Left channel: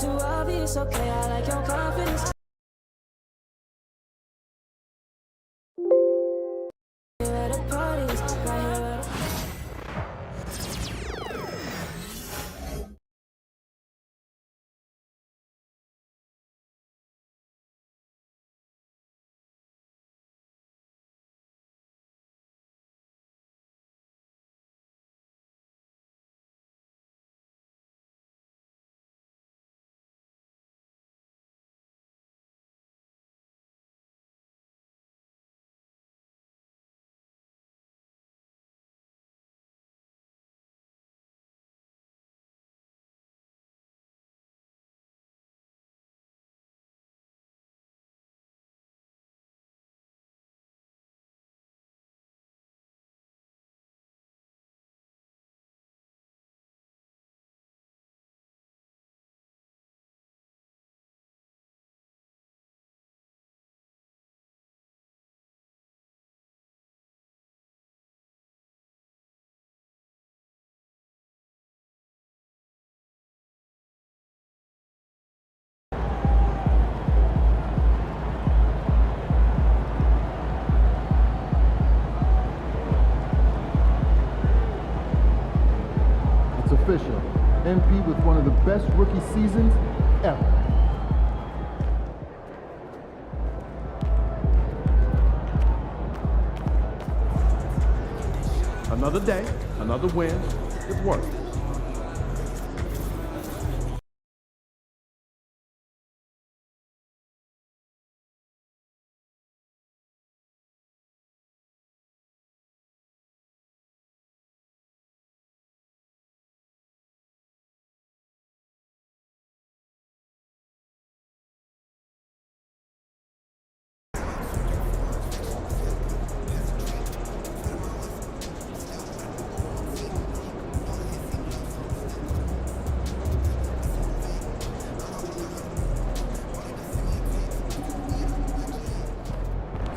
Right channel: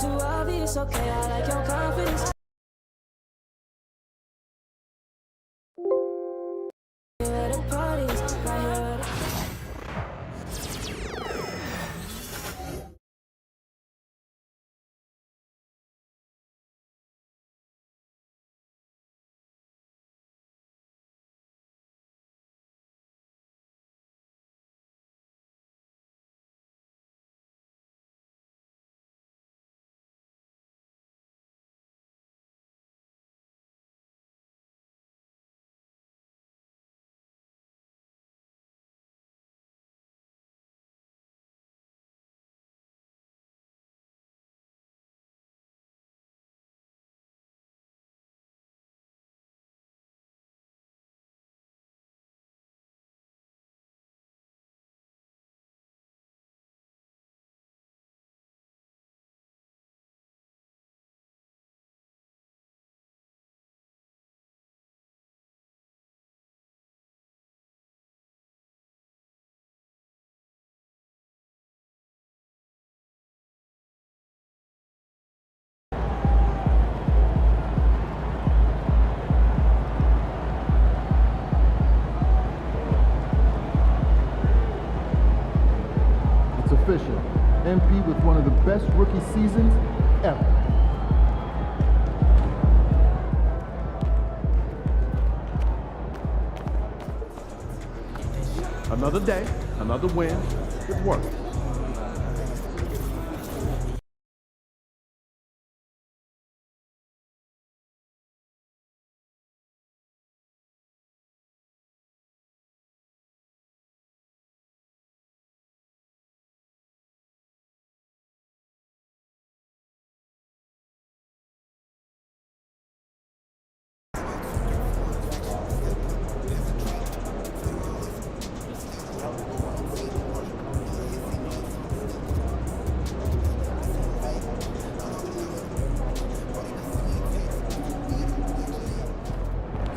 Too obvious, okay, I like your confidence. At the parties, right here. Official. MP with one of the best rookie seasons ever. Another day, another win. It worked.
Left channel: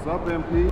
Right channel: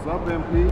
What's up, MP?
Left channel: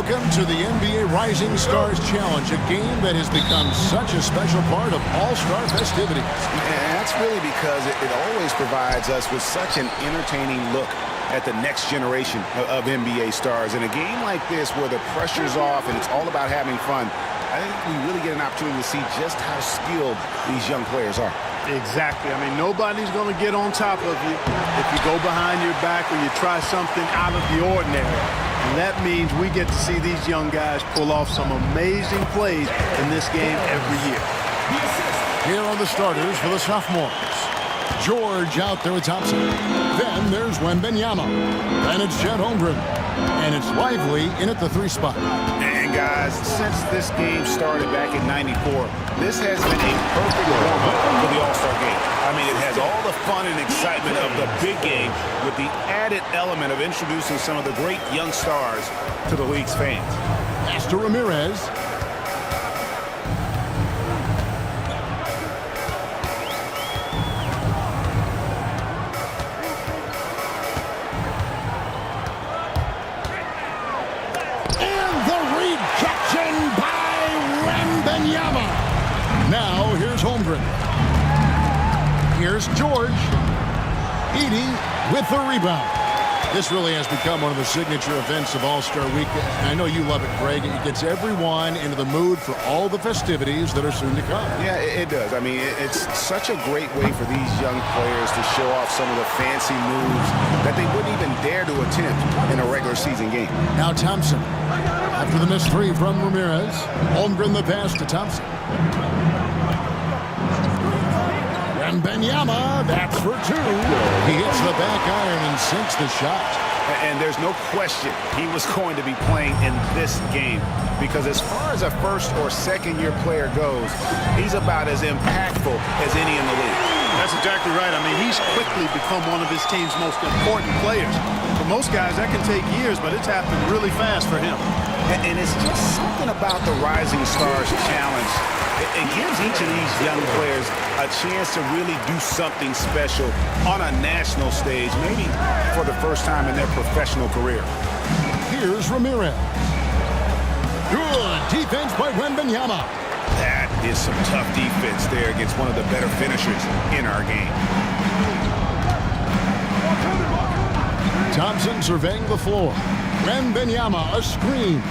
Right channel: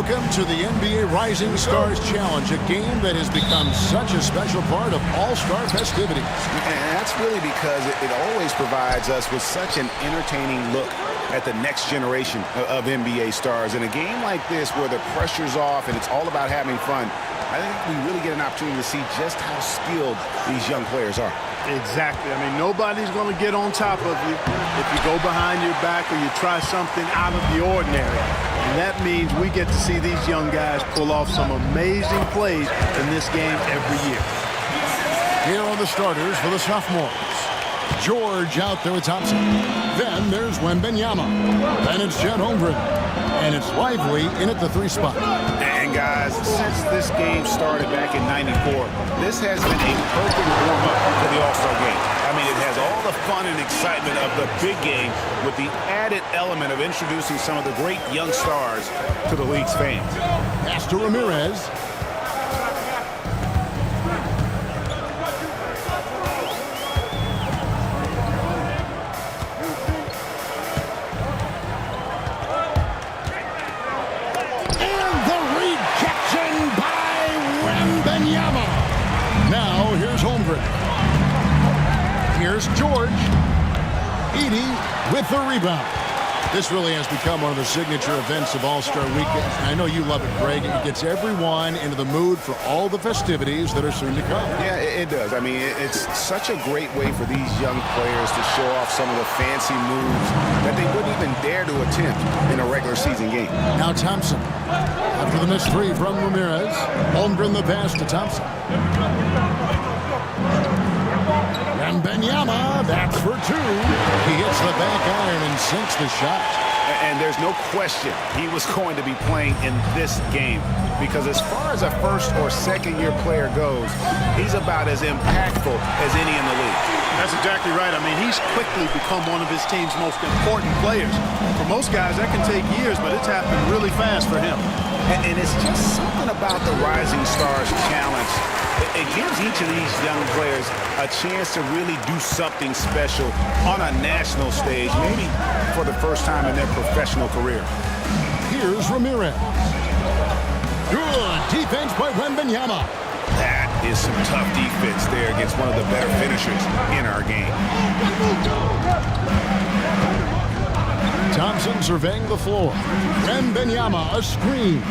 Welcome to the NBA Rising Stars Challenge, a game that has become such a special part of all-star festivities. And that's really because it always provides us with such an entertaining look at the next generation of NBA stars. In a game like this where the pressure's off and it's all about having fun, I think we really get an opportunity to see just how skilled these young players are. Exactly. I mean, nobody's going to get on top of you if you go behind your back or you try something out of the ordinary. And that means we get to see these young guys pull off some amazing plays in this game every year. Here are the starters for the sophomores. George out there with Thompson. Then there's Wembanyama. Then it's Chet Holmgren. And it's Lively in at the 3 spot. And guys, since this game started back in '94, this has been a perfect warm-up for the All-Star game. I mean, it has all the fun and excitement of the big game with the added element of introducing some of the great young stars to the league's fans. Pass to Ramirez. Rejection by Wembanyama. Now here's Holmgren. Here's George. Edey with the rebound. This really has become one of the signature events of All-Star Weekend. And I know you love it, Greg. It gets everyone into the mood for all the festivities that are soon to come. Yeah, it does. I mean, it's such a great way for these young players to show off some of the fancy moves that they wouldn't even dare to attempt in a regular season game. Now Thompson. After the missed three from Ramirez, Holmgren the pass to Thompson. Wembanyama, that's for two. He hits the back iron and sinks the shot. And there's no question he was going to be playing in this game, because as far as a first or second year player goes, he's about as impactful as any in the league. That's exactly right. I mean, he's quickly become one of his team's most important players. For most guys, that can take years, but it's happened really fast for him. And it's just something about the Rising Stars Challenge. It gives each of these young players a chance to really do something special on a national stage, maybe for the first time in their professional career. Here's Ramirez. Good defense by Wembanyama. That is some tough defense there against one of the better finishers in our game. Thompson surveying the floor. Wembanyama, a screen.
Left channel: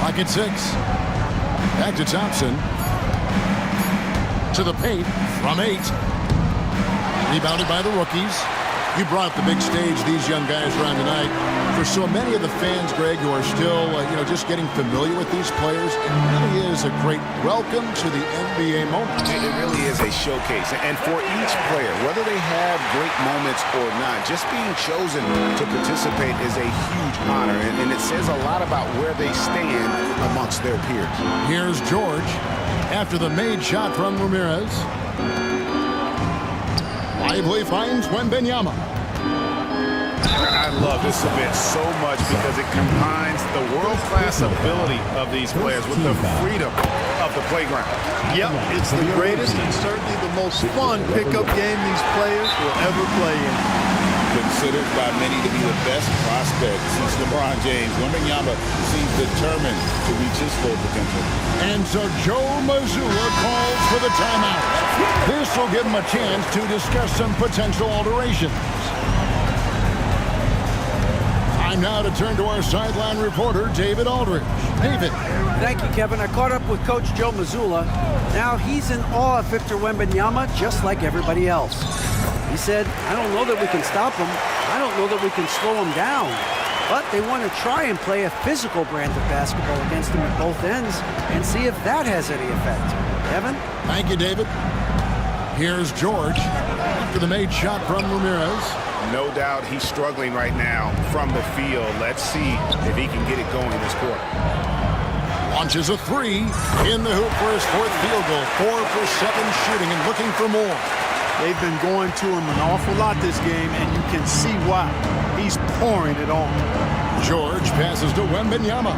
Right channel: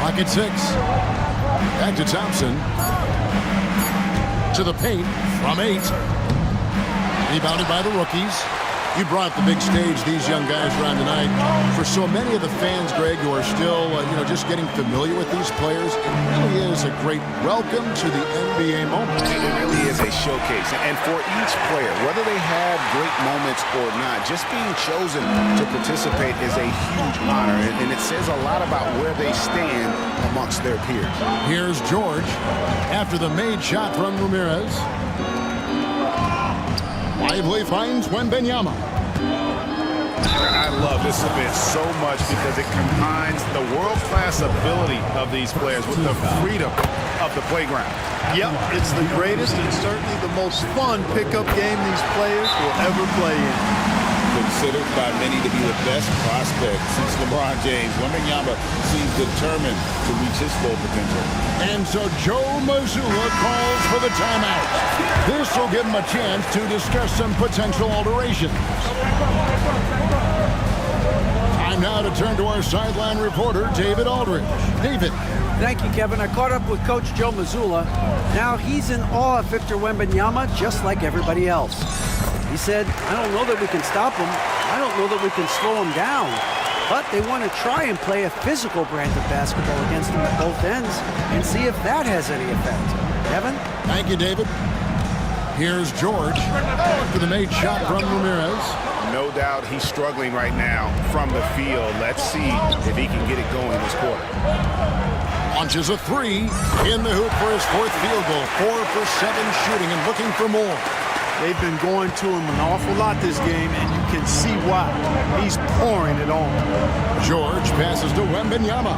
Pocket six. Back to Thompson. To the paint from 8. Rebounded by the rookies. You brought up the big stage these young guys are on tonight. For so many of the fans, Greg, who are still, just getting familiar with these players, it really is a great welcome to the NBA moment. It really is a showcase. And for each player, whether they have great moments or not, just being chosen to participate is a huge honor. And it says a lot about where they stand amongst their peers. Here's George after the made shot from Ramirez. Lively finds Wembanyama. I love this event so much because it combines the world-class ability of these players with the freedom of the playground. Yep, it's the greatest and certainly the most fun pickup game these players will ever play in. Considered by many to be the best prospect since LeBron James, Wembanyama seems determined to reach his full potential. And so Joe Mazzulla calls for the timeout. This will give him a chance to discuss some potential alterations. Time now to turn to our sideline reporter, David Aldridge. David. Thank you, Kevin. I caught up with Coach Joe Mazzulla. Now he's in awe of Victor Wembanyama, just like everybody else. He said, I don't know that we can stop him. I don't know that we can slow him down. But they want to try and play a physical brand of basketball against him at both ends and see if that has any effect. Kevin? Thank you, David. Here's George after the made shot from Ramirez. No doubt he's struggling right now from the field. Let's see if he can get it going this quarter. Launches a 3 in the hoop for his 4th field goal. 4 for 7 shooting and looking for more. They've been going to him an awful lot this game, and you can see why. He's pouring it on. George passes to Wembanyama.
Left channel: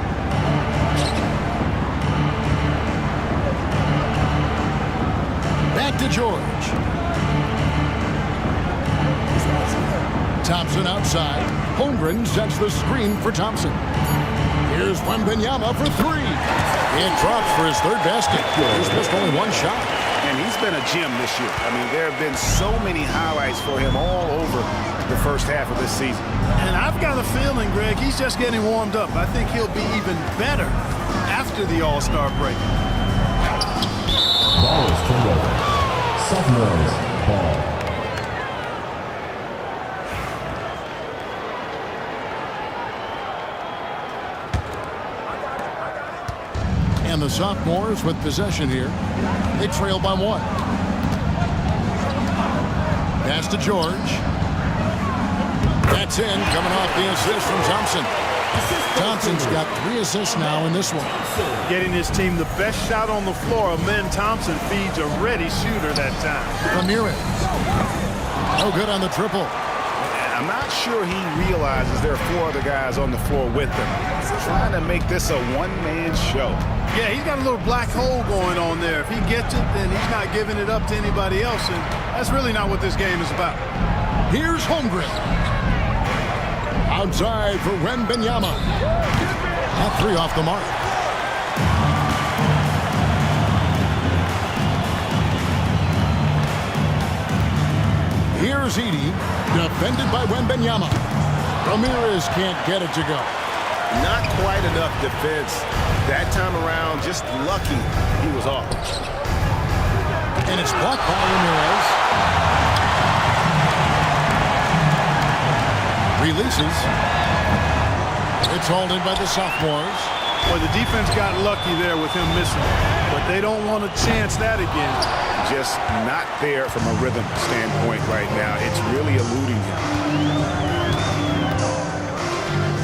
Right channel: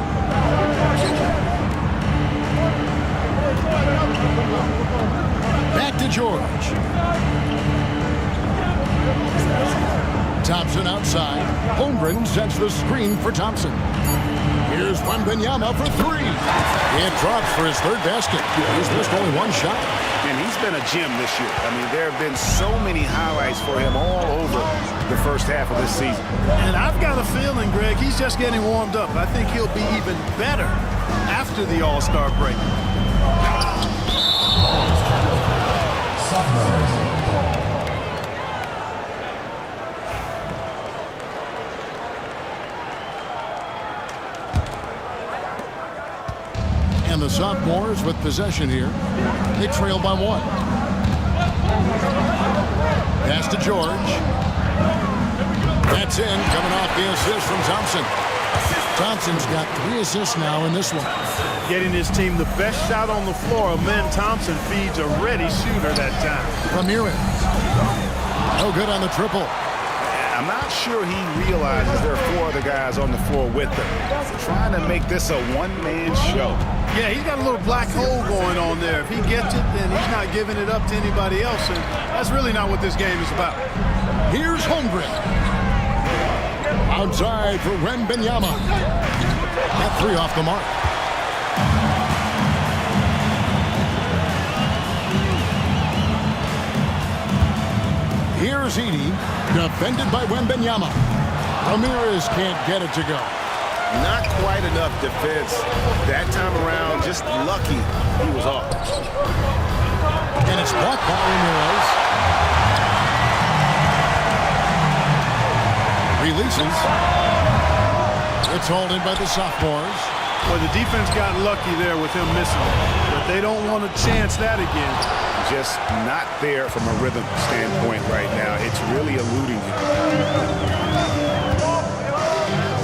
Back to George. Thompson outside. Holmgren sets the screen for Thompson. Here's Wembanyama for 3. It drops for his 3rd basket. He's missed only 1 shot. And he's been a gem this year. I mean, there have been so many highlights for him all over the first half of this season. And I've got a feeling, Greg, he's just getting warmed up. I think he'll be even better after the All-Star break. Sophomores ball. And the sophomores with possession here. They trail by 1. Pass to George. That's in, coming off the assist from Thompson. Thompson's got 3 assists now in this one. Getting his team the best shot on the floor. Amen Thompson feeds a ready shooter that time. Ramirez. No good on the triple. I'm not sure he realizes there are 4 other guys on the floor with him. Trying to make this a one-man show. Yeah, he's got a little black hole going on there. If he gets it, then he's not giving it up to anybody else, and that's really not what this game is about. Here's Holmgren. Outside for Wembanyama. That 3 off the mark. Here's Edey. Defended by Wembanyama. Ramirez can't get it to go. Not quite enough defense. That time around, just lucky he was off. And it's blocked by Ramirez. Releases. It's hauled in by the sophomores. Well, the defense got lucky there with him missing it, but they don't want to chance that again. Just not there from a rhythm standpoint right now. It's really eluding him.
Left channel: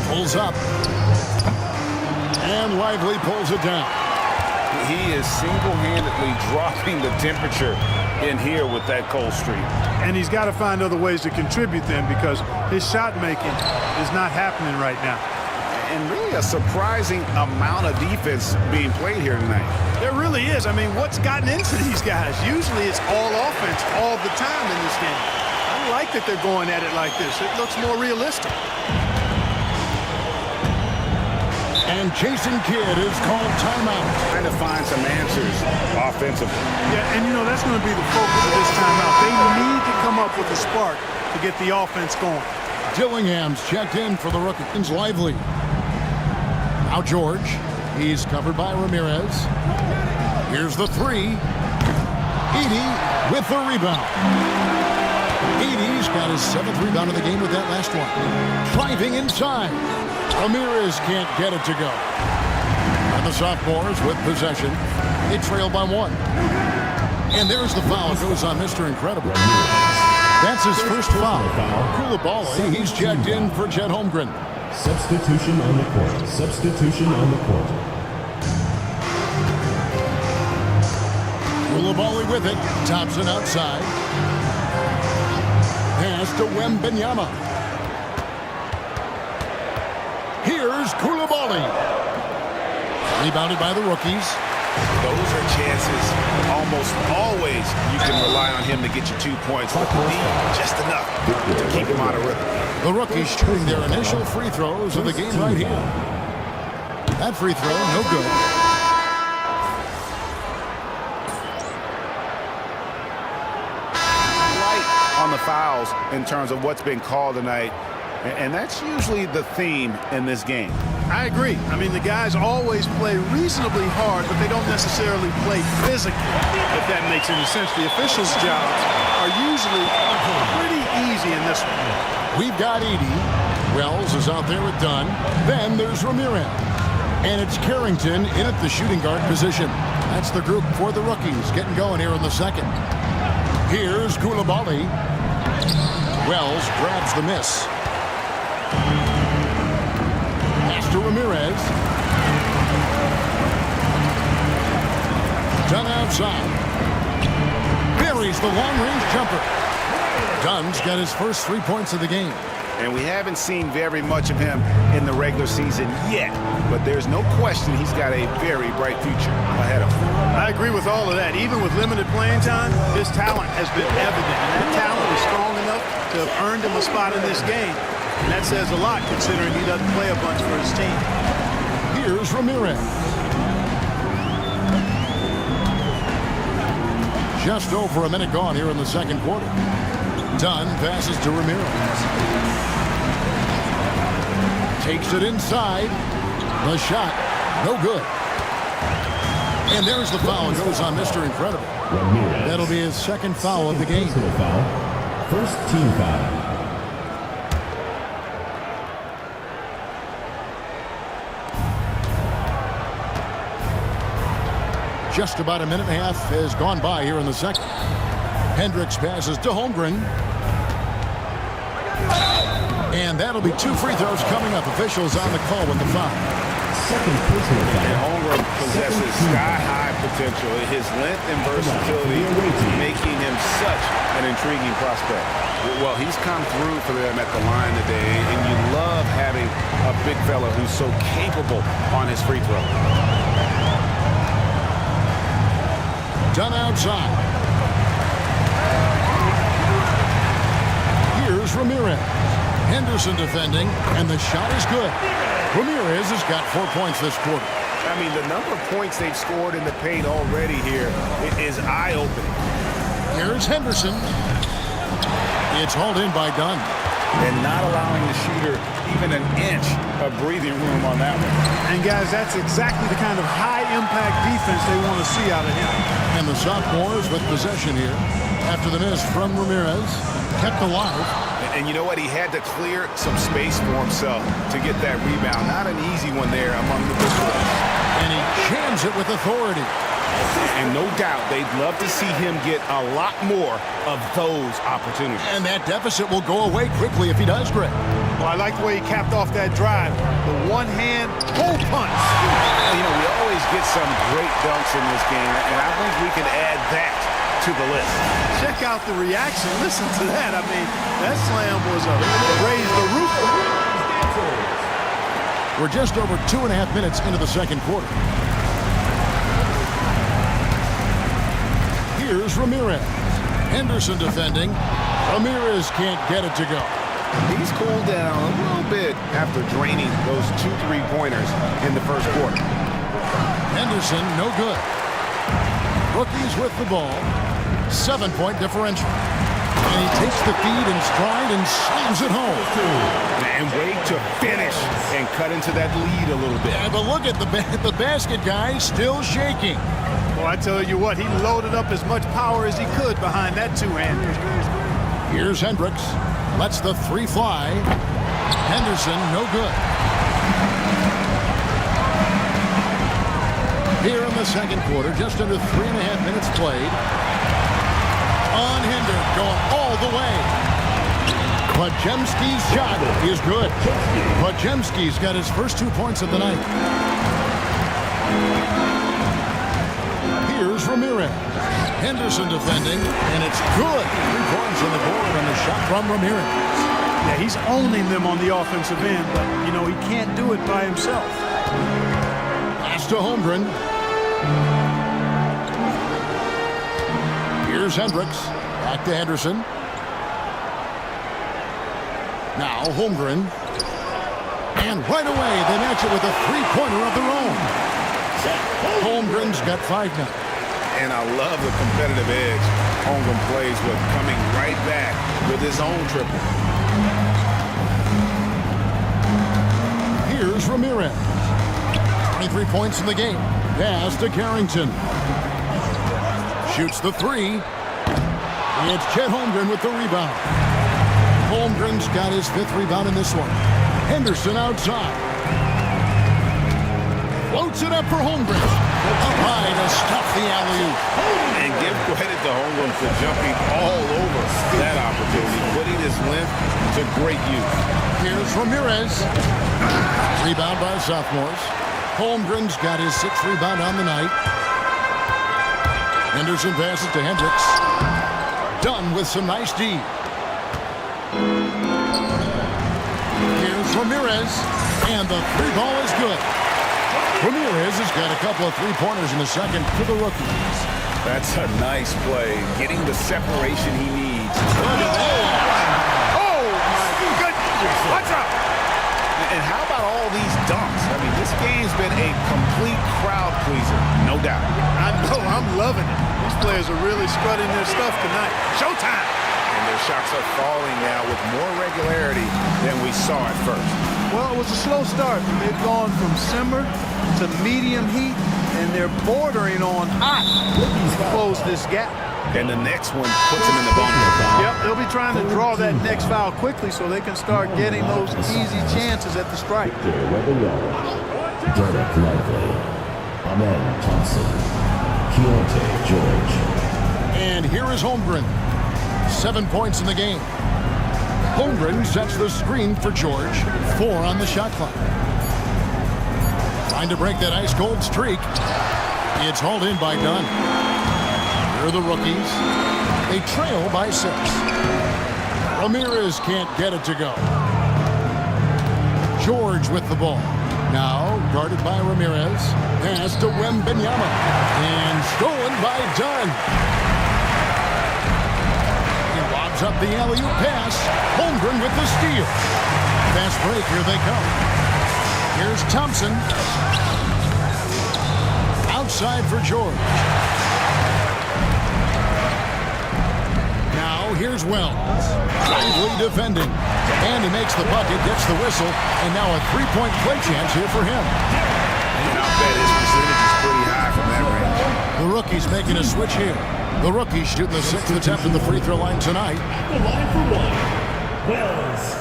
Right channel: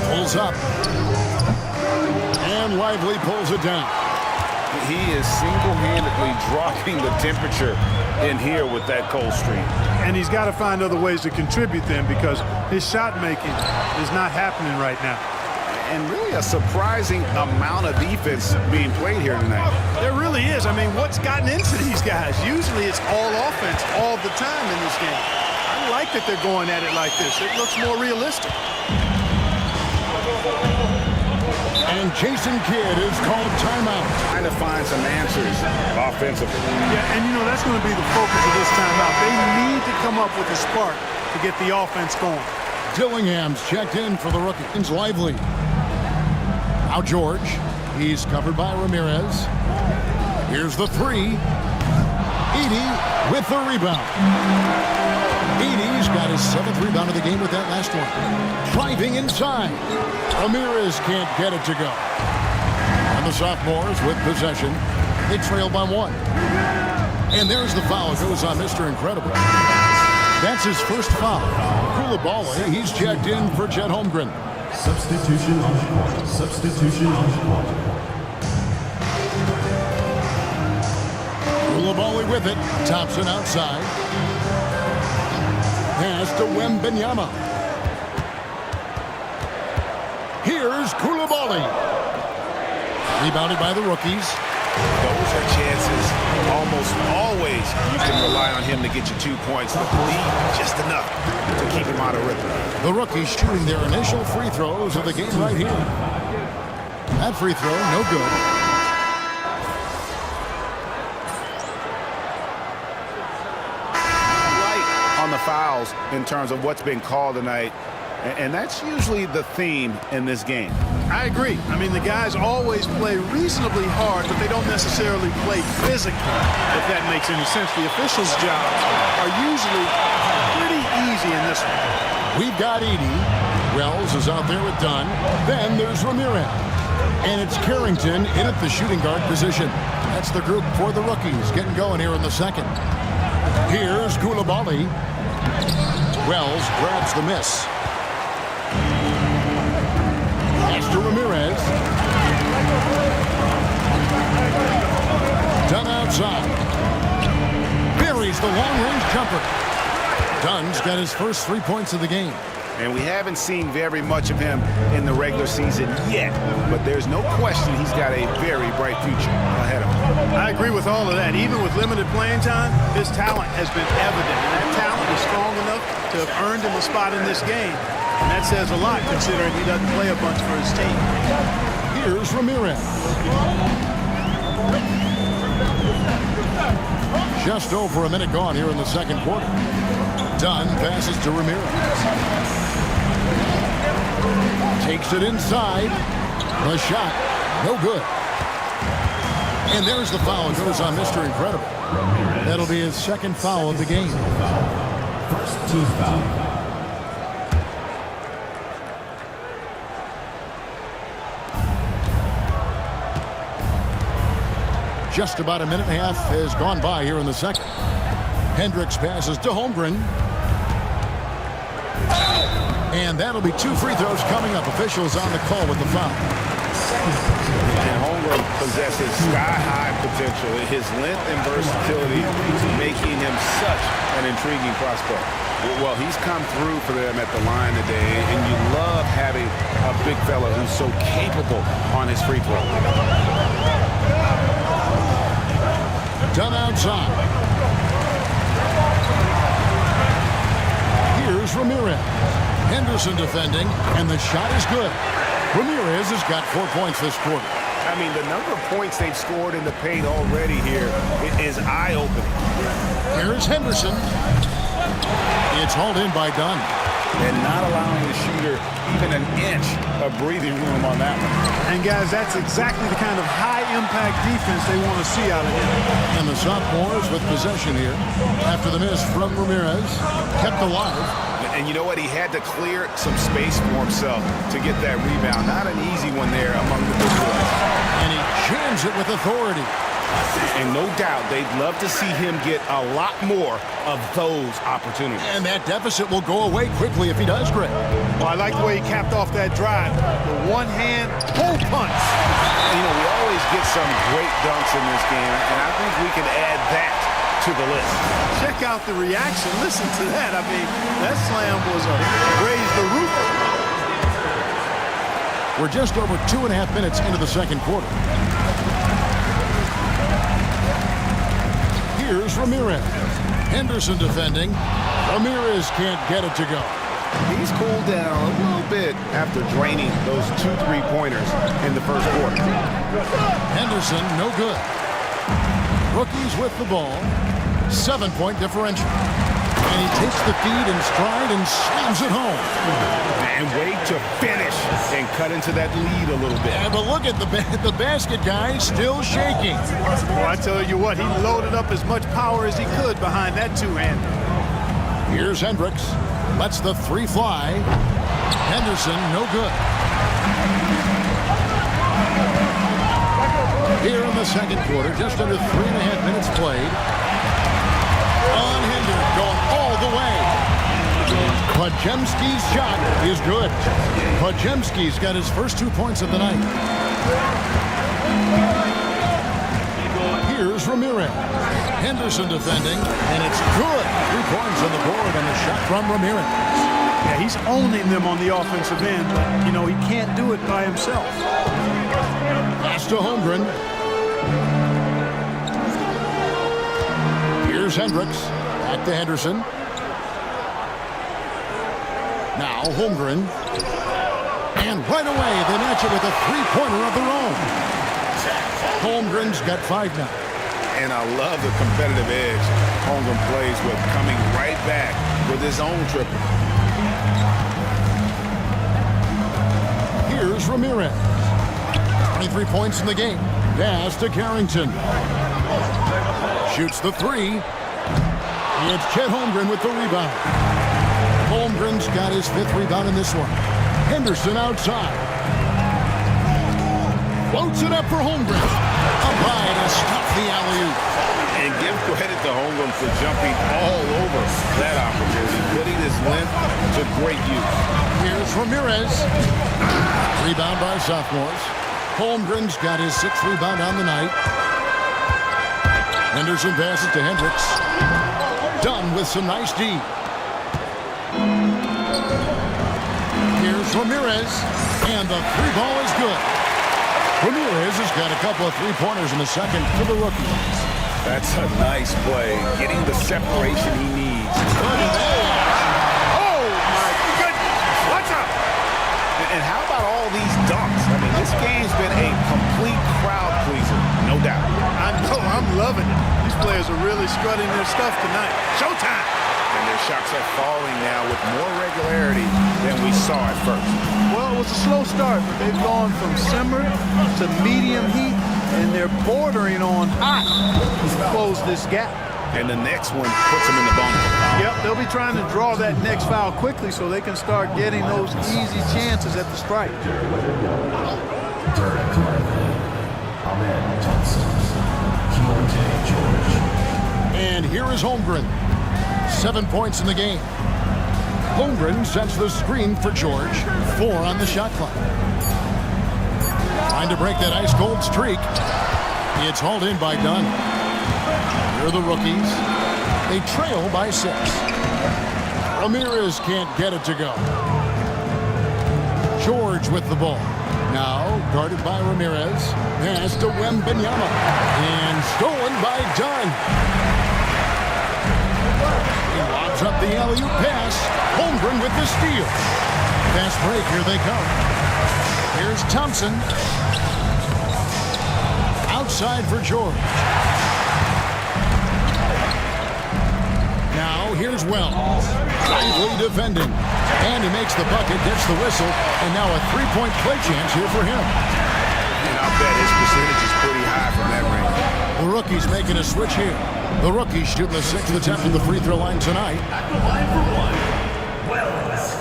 Pulls up. And Lively pulls it down. He is single-handedly dropping the temperature in here with that cold streak. And he's got to find other ways to contribute then, because his shot making is not happening right now. And really a surprising amount of defense being played here tonight. There really is. I mean, what's gotten into these guys? Usually it's all offense all the time in this game. I like that they're going at it like this. It looks more realistic. And Jason Kidd is called timeout. Trying to find some answers offensively. Yeah, and you know, that's going to be the focus of this timeout. They need to come up with a spark to get the offense going. Dillingham's checked in for the rookie. It's Lively. Now George. He's covered by Ramirez. Here's the three. Edey with the rebound. Edey's got his 7th rebound of the game with that last one. Driving inside. Ramirez can't get it to go. And the sophomores with possession. They trail by 1. And there's the foul. It goes on Mr. Incredible. That's his first foul. Coulibaly, he's checked in for Chet Holmgren. Substitution on the court. Substitution on the court. Coulibaly with it. Thompson outside. Pass to Wembanyama. Here's Coulibaly. Rebounded by the rookies. Those are chances. Almost always you can rely on him to get you 2 points, but the D, just enough to keep him out of rhythm. The rookies shooting their initial free throws of the game right here. That free throw, no good. Light on the fouls in terms of what's been called tonight, and that's usually the theme in this game. I agree. I mean, the guys always play reasonably hard, but they don't necessarily play physically, if that makes any sense. The officials' jobs are usually pretty easy in this one. We've got Edey. Wells is out there with Dunn. Then there's Ramirez. And it's Carrington in at the shooting guard position. That's the group for the rookies getting going here in the second. Here's Coulibaly. Wells grabs the miss. Pass to Ramirez. Dunn outside. Buries the long-range jumper. Dunn's got his first 3 points of the game. And we haven't seen very much of him in the regular season yet, but there's no question he's got a very bright future ahead of him. I agree with all of that. Even with limited playing time, his talent has been evident, and that talent is strong enough to have earned him a spot in this game. And that says a lot, considering he doesn't play a bunch for his team. Here's Ramirez. Just over a minute gone here in the second quarter. Dunn passes to Ramirez. Takes it inside. The shot, no good. And there's the foul. It goes on Mr. Incredible. Ramirez. That'll be his second foul of the game. Personal foul. First team foul. Just about a minute and a half has gone by here in the second. Hendricks passes to Holmgren. And that'll be 2 free throws coming up. Officials on the call with the foul. And Holmgren possesses sky-high potential. His length and versatility making him such an intriguing prospect. Well, he's come through for them at the line today, and you love having a big fella who's so capable on his free throw. Dunn outside. Here's Ramirez. Henderson defending, and the shot is good. Ramirez has got 4 points this quarter. I mean, the number of points they've scored in the paint already here is eye-opening. Here's Henderson. It's hauled in by Dunn. And not allowing the shooter even an inch of breathing room on that one. And, guys, that's exactly the kind of high-impact defense they want to see out of him. And the sophomores with possession here after the miss from Ramirez, kept alive. And you know what? He had to clear some space for himself to get that rebound. Not an easy one there among the big boys. And he jams it with authority. And no doubt they'd love to see him get a lot more of those opportunities. And that deficit will go away quickly if he does, Greg. Well, I like the way he capped off that drive. The one-hand hole punch. You know, we always get some great dunks in this game, and I think we can add that to the list. Check out the reaction. Listen to that. I mean, that slam was a raise the roof. We're just over 2.5 minutes into the second quarter. Here's Ramirez. Henderson defending. Ramirez can't get it to go. He's cooled down a little bit after draining those 2 3-pointers in the first quarter. Henderson, no good. Rookies with the ball. 7-point differential. And he takes the feed in stride and slams it home. And wait to finish and cut into that lead a little bit. Yeah, but look at the basket guy still shaking. Well, I tell you what, he loaded up as much power as he could behind that two-hander. Here's Hendricks. Lets the 3 fly. Henderson, no good. Here in the second quarter, just under 3.5 minutes played. Unhindered, going all the way. Podziemski's shot is good. Podziemski's got his first 2 points of the night. Here's Ramirez. Henderson defending, and it's good. 3 points on the board on the shot from Ramirez. Yeah, he's owning them on the offensive end, but, you know, he can't do it by himself. Pass to Holmgren. Here's Hendricks. Back to Henderson. Now Holmgren. And right away, they match it with a 3-pointer of their own. Holmgren's got 5 now. And I love the competitive edge Holmgren plays with, coming right back with his own triple. Here's Ramirez. 23 points in the game. Pass to Carrington. Shoots the 3. It's Chet Holmgren with the rebound. Holmgren's got his 5th rebound in this one. Henderson outside. Floats it up for Holmgren. Up high to stuff the alley-oop. And give credit to Holmgren for jumping all over that opportunity, putting his length to great use. Here's Ramirez. Rebound by sophomores. Holmgren's got his 6th rebound on the night. Henderson passes to Hendricks. Done with some nice D. Here's Ramirez. And the 3 ball is good. Ramirez has got a couple of 3-pointers in the second for the rookies. That's a nice play, getting the separation he needs. Look at that. Oh, my goodness. What's up? And how about all these dunks? I mean, this game's been a complete crowd pleaser, no doubt. I know, I'm loving it. These players are really strutting their stuff tonight. Showtime! And their shots are falling now with more regularity than we saw at first. Well, it was a slow start, but they've gone from simmer to medium heat, and they're bordering on hot to close this gap. And the next one puts them in the bonus. Yep, they'll be trying to draw that next foul quickly so they can start getting those easy chances at the strike. Derek Lively, Amen Thompson, Keontae George. And here is Holmgren. 7 points in the game. Holmgren sets the screen for George. 4 on the shot clock. Trying to break that ice-cold streak. It's hauled in by Dunn. Here are the rookies. They trail by 6. Ramirez can't get it to go. George with the ball. Now guarded by Ramirez. Pass to Wembanyama. And stolen by Dunn. He lobs up the alley-oop pass. Holmgren with the steal. Fast break, here they come. Here's Thompson. Outside for George. Now here's Wells. Lively defending. And he makes the bucket, gets the whistle, and now a three-point play chance here for him. And I'll bet his percentage is pretty high from that range. The rookie's making a switch here. The rookie's shooting the 6th attempt at the free throw line tonight. At the line for one, Wells.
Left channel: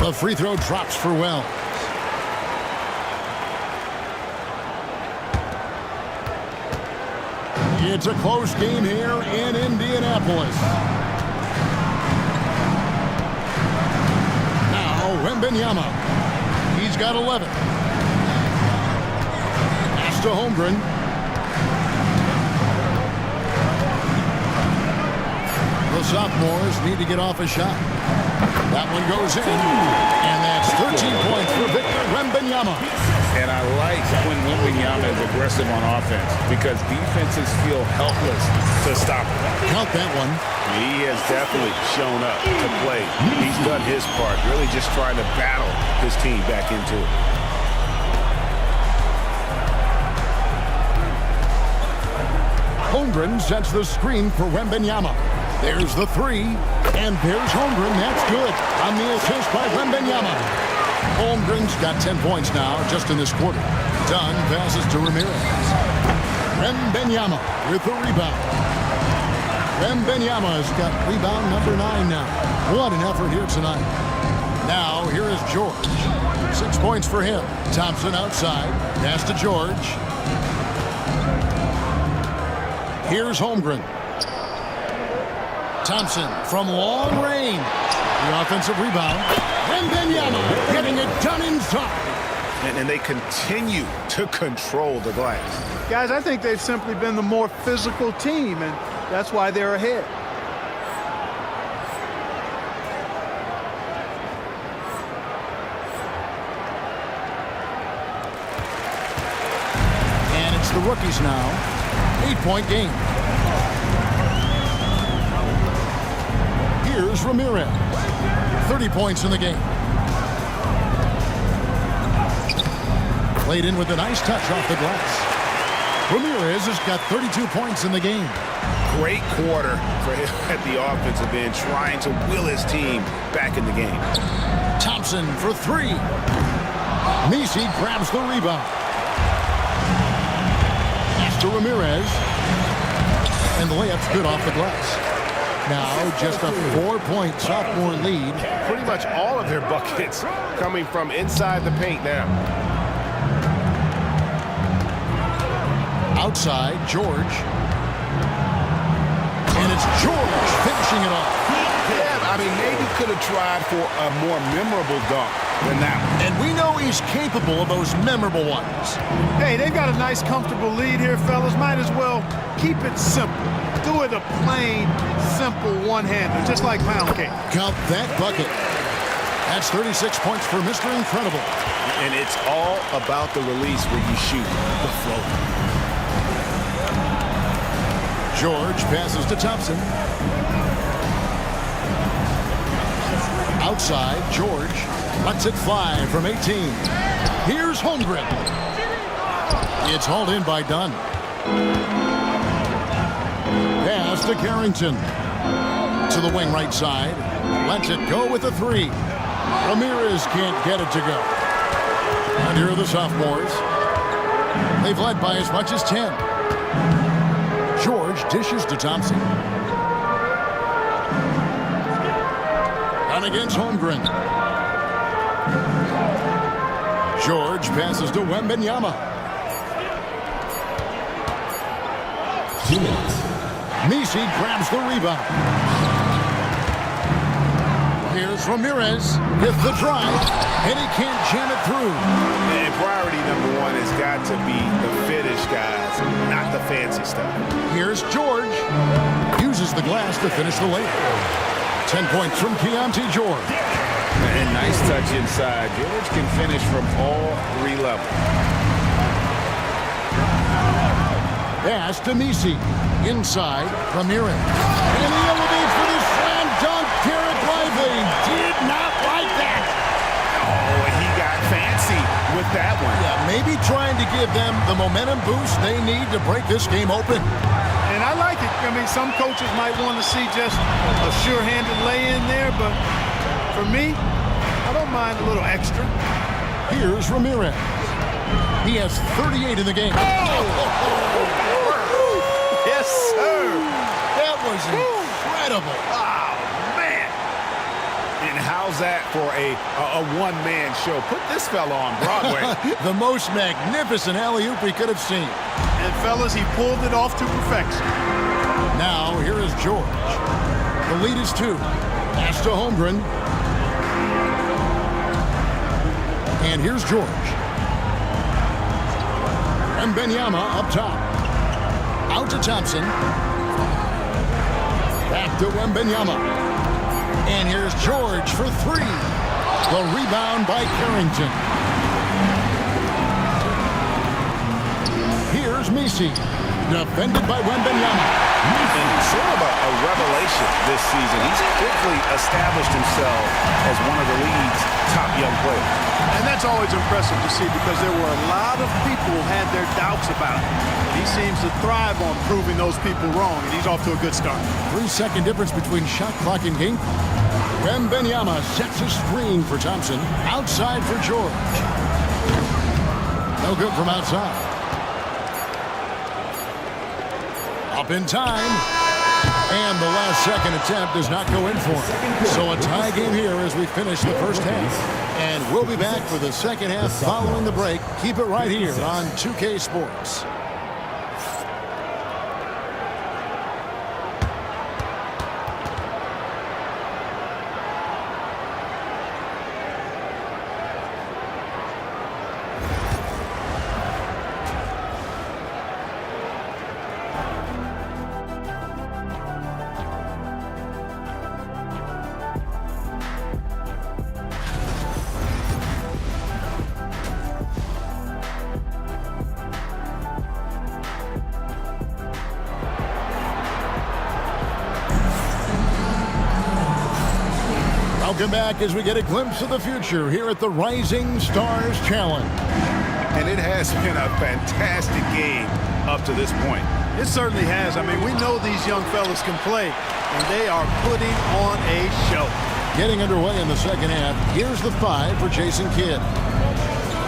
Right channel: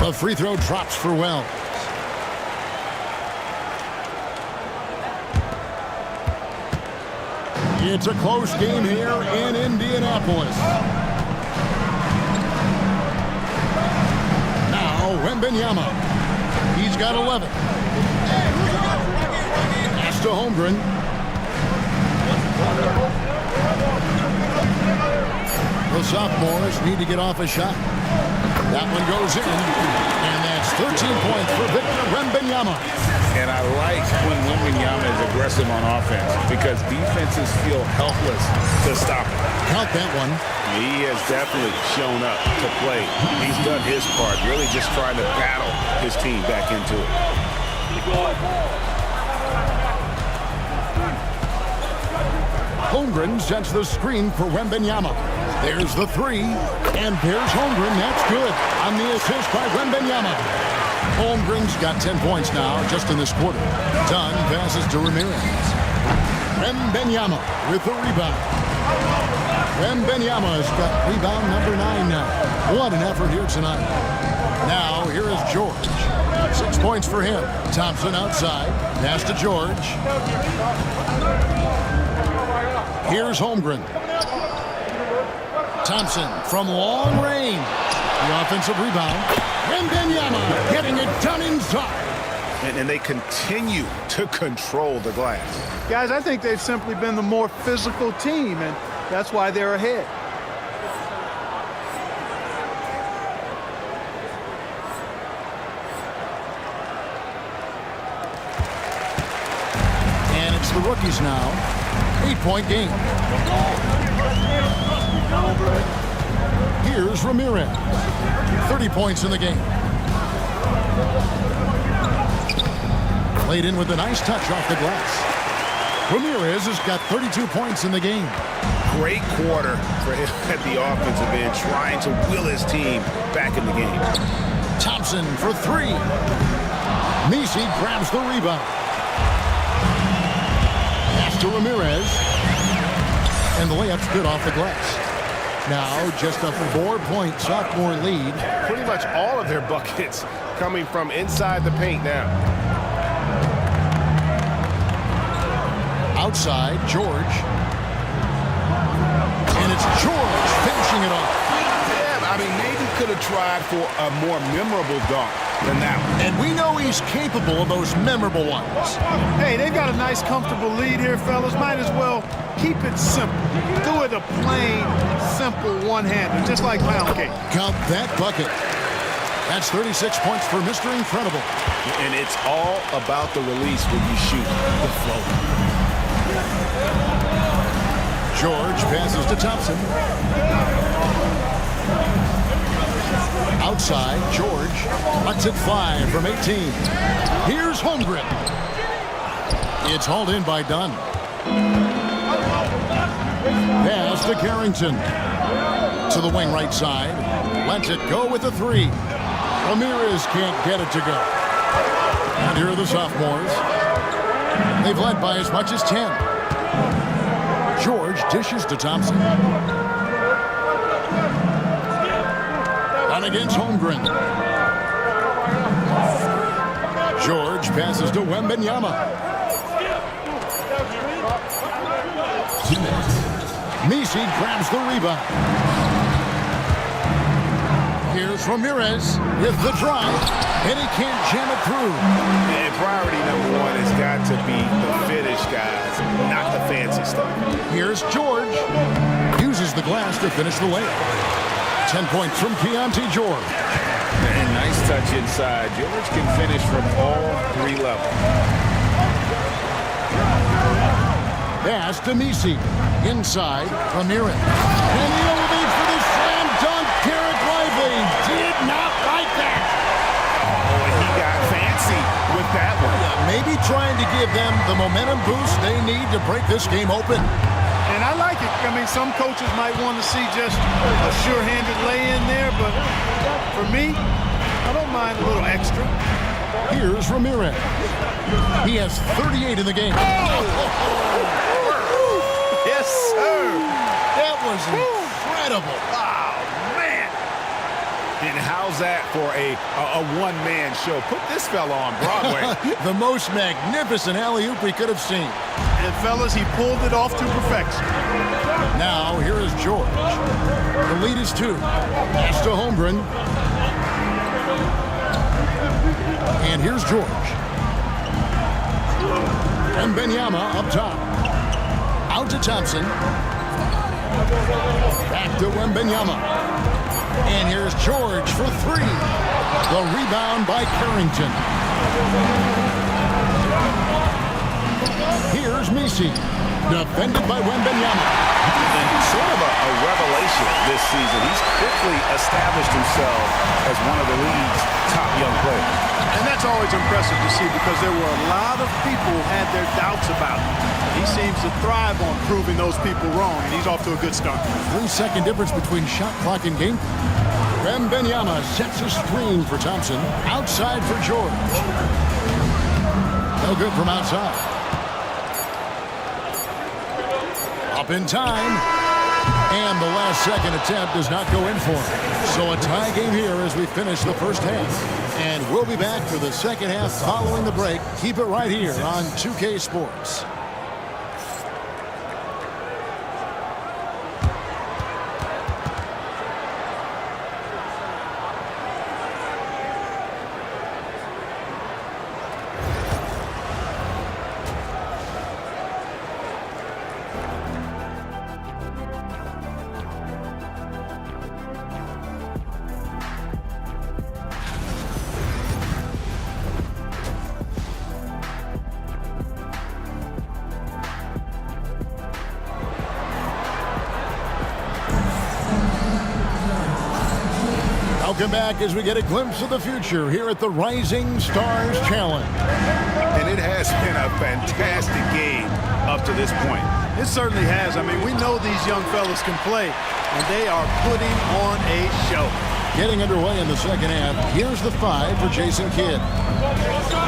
The free throw drops for Wells. It's a close game here in Indianapolis. Now Wembanyama. He's got 11. Pass to Holmgren. The sophomores need to get off a shot. That one goes in, and that's 13 points for Victor Wembanyama. And I like when Wembanyama is aggressive on offense because defenses feel helpless to stop it. Count that one. He has definitely shown up to play. He's done his part, really just trying to battle his team back into it. Holmgren sets the screen for Wembanyama. There's the three, and there's Holmgren. That's good on the assist by Wembanyama. Holmgren's got 10 points now just in this quarter. Dunn passes to Ramirez. Wembanyama with the rebound. Wembanyama's got rebound number 9 now. What an effort here tonight. Now here is George. 6 points for him. Thompson outside. Pass to George. Here's Holmgren. Thompson from long range. The offensive rebound. Wembanyama getting it done inside. And they continue to control the glass. Guys, I think they've simply been the more physical team, and that's why they're ahead. And it's the rookies now. 8-point game. Here's Ramirez. 30 points in the game. Played in with a nice touch off the glass. Ramirez has got 32 points in the game. Great quarter for him at the offensive end, trying to will his team back in the game. Thompson for three. Messi grabs the rebound. Pass to Ramirez. And the layup's good off the glass. Now just a 4-point sophomore lead. Pretty much all of their buckets coming from inside the paint now. Outside, George. And it's George finishing it off. Yeah, I mean, maybe could have tried for a more memorable dunk than that one. And we know he's capable of those memorable ones. Hey, they've got a nice, comfortable lead here, fellas. Might as well keep it simple. Do it a plain, simple one-hander, just like pound cake. Count that bucket. That's 36 points for Mr. Incredible. And it's all about the release when you shoot the floater. George passes to Thompson. Outside, George lets it fly from 18. Here's Holmgren. It's hauled in by Dunn. Pass to Carrington. To the wing right side. Lets it go with the three. Ramirez can't get it to go. And here are the sophomores. They've led by as much as 10. George dishes to Thompson. Down against Holmgren. George passes to Wembanyama. 2 minutes. Messi grabs the rebound. Here's Ramirez with the drive, and he can't jam it through. And priority number one has got to be the finish, guys, not the fancy stuff. Here's George. Uses the glass to finish the layup. 10 points from Keontae George. And nice touch inside. George can finish from all 3 levels. Pass to Messi. Inside, Ramirez. And he elevates for the slam dunk. Derek Lively did not like that. Oh, and he got fancy with that one. Yeah, maybe trying to give them the momentum boost they need to break this game open. And I like it. I mean, some coaches might want to see just a sure-handed lay-in there, but for me, I don't mind a little extra. Here's Ramirez. He has 38 in the game. Yes, sir. That was incredible. Oh, man. And how's that for a one-man show? Put this fella on Broadway. The most magnificent alley-oop we could have seen. And, fellas, he pulled it off to perfection. Now, here is George. The lead is 2. Pass to Holmgren. And here's George. Wembanyama up top. Out to Thompson. Back to Wembanyama. And here's George for 3. The rebound by Carrington. Here's Messi. Defended by Wembanyama. And sort of a revelation this season. He's quickly established himself as one of the league's top young players. And that's always impressive to see because there were a lot of people who had their doubts about him. But he seems to thrive on proving those people wrong, and he's off to a good start. 3-second difference between shot clock and game clock. Wembanyama sets a screen for Thompson. Outside for George. No good from outside. Up in time. And the last second attempt does not go in for him. So a tie game here as we finish the first half. And we'll be back for the second half following the break. Keep it right here on 2K Sports. Welcome back as we get a glimpse of the future here at the Rising Stars Challenge. And it has been a fantastic game up to this point. It certainly has. I mean, we know these young fellas can play, and they are putting on a show. Getting underway in the second half, here's the 5 for Jason Kidd.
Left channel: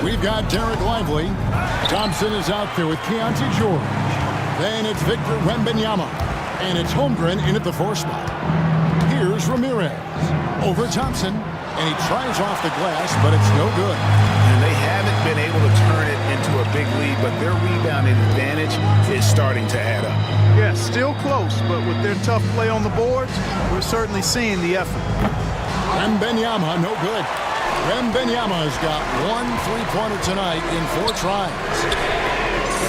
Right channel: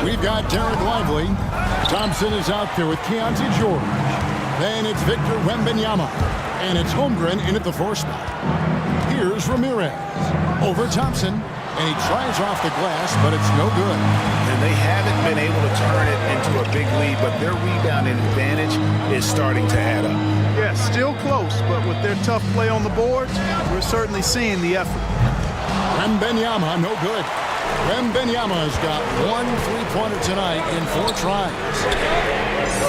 We've got Derek Lively. Thompson is out there with Keontae George. Then it's Victor Wembanyama. And it's Holmgren in at the 4 spot. Here's Ramirez. Over Thompson, and he tries off the glass, but it's no good. And they haven't been able to turn it into a big lead, but their rebounding advantage is starting to add up. Yeah, still close, but with their tough play on the boards, we're certainly seeing the effort. Wembanyama, no good. Wembanyama's got 1 3-pointer tonight in 4 tries.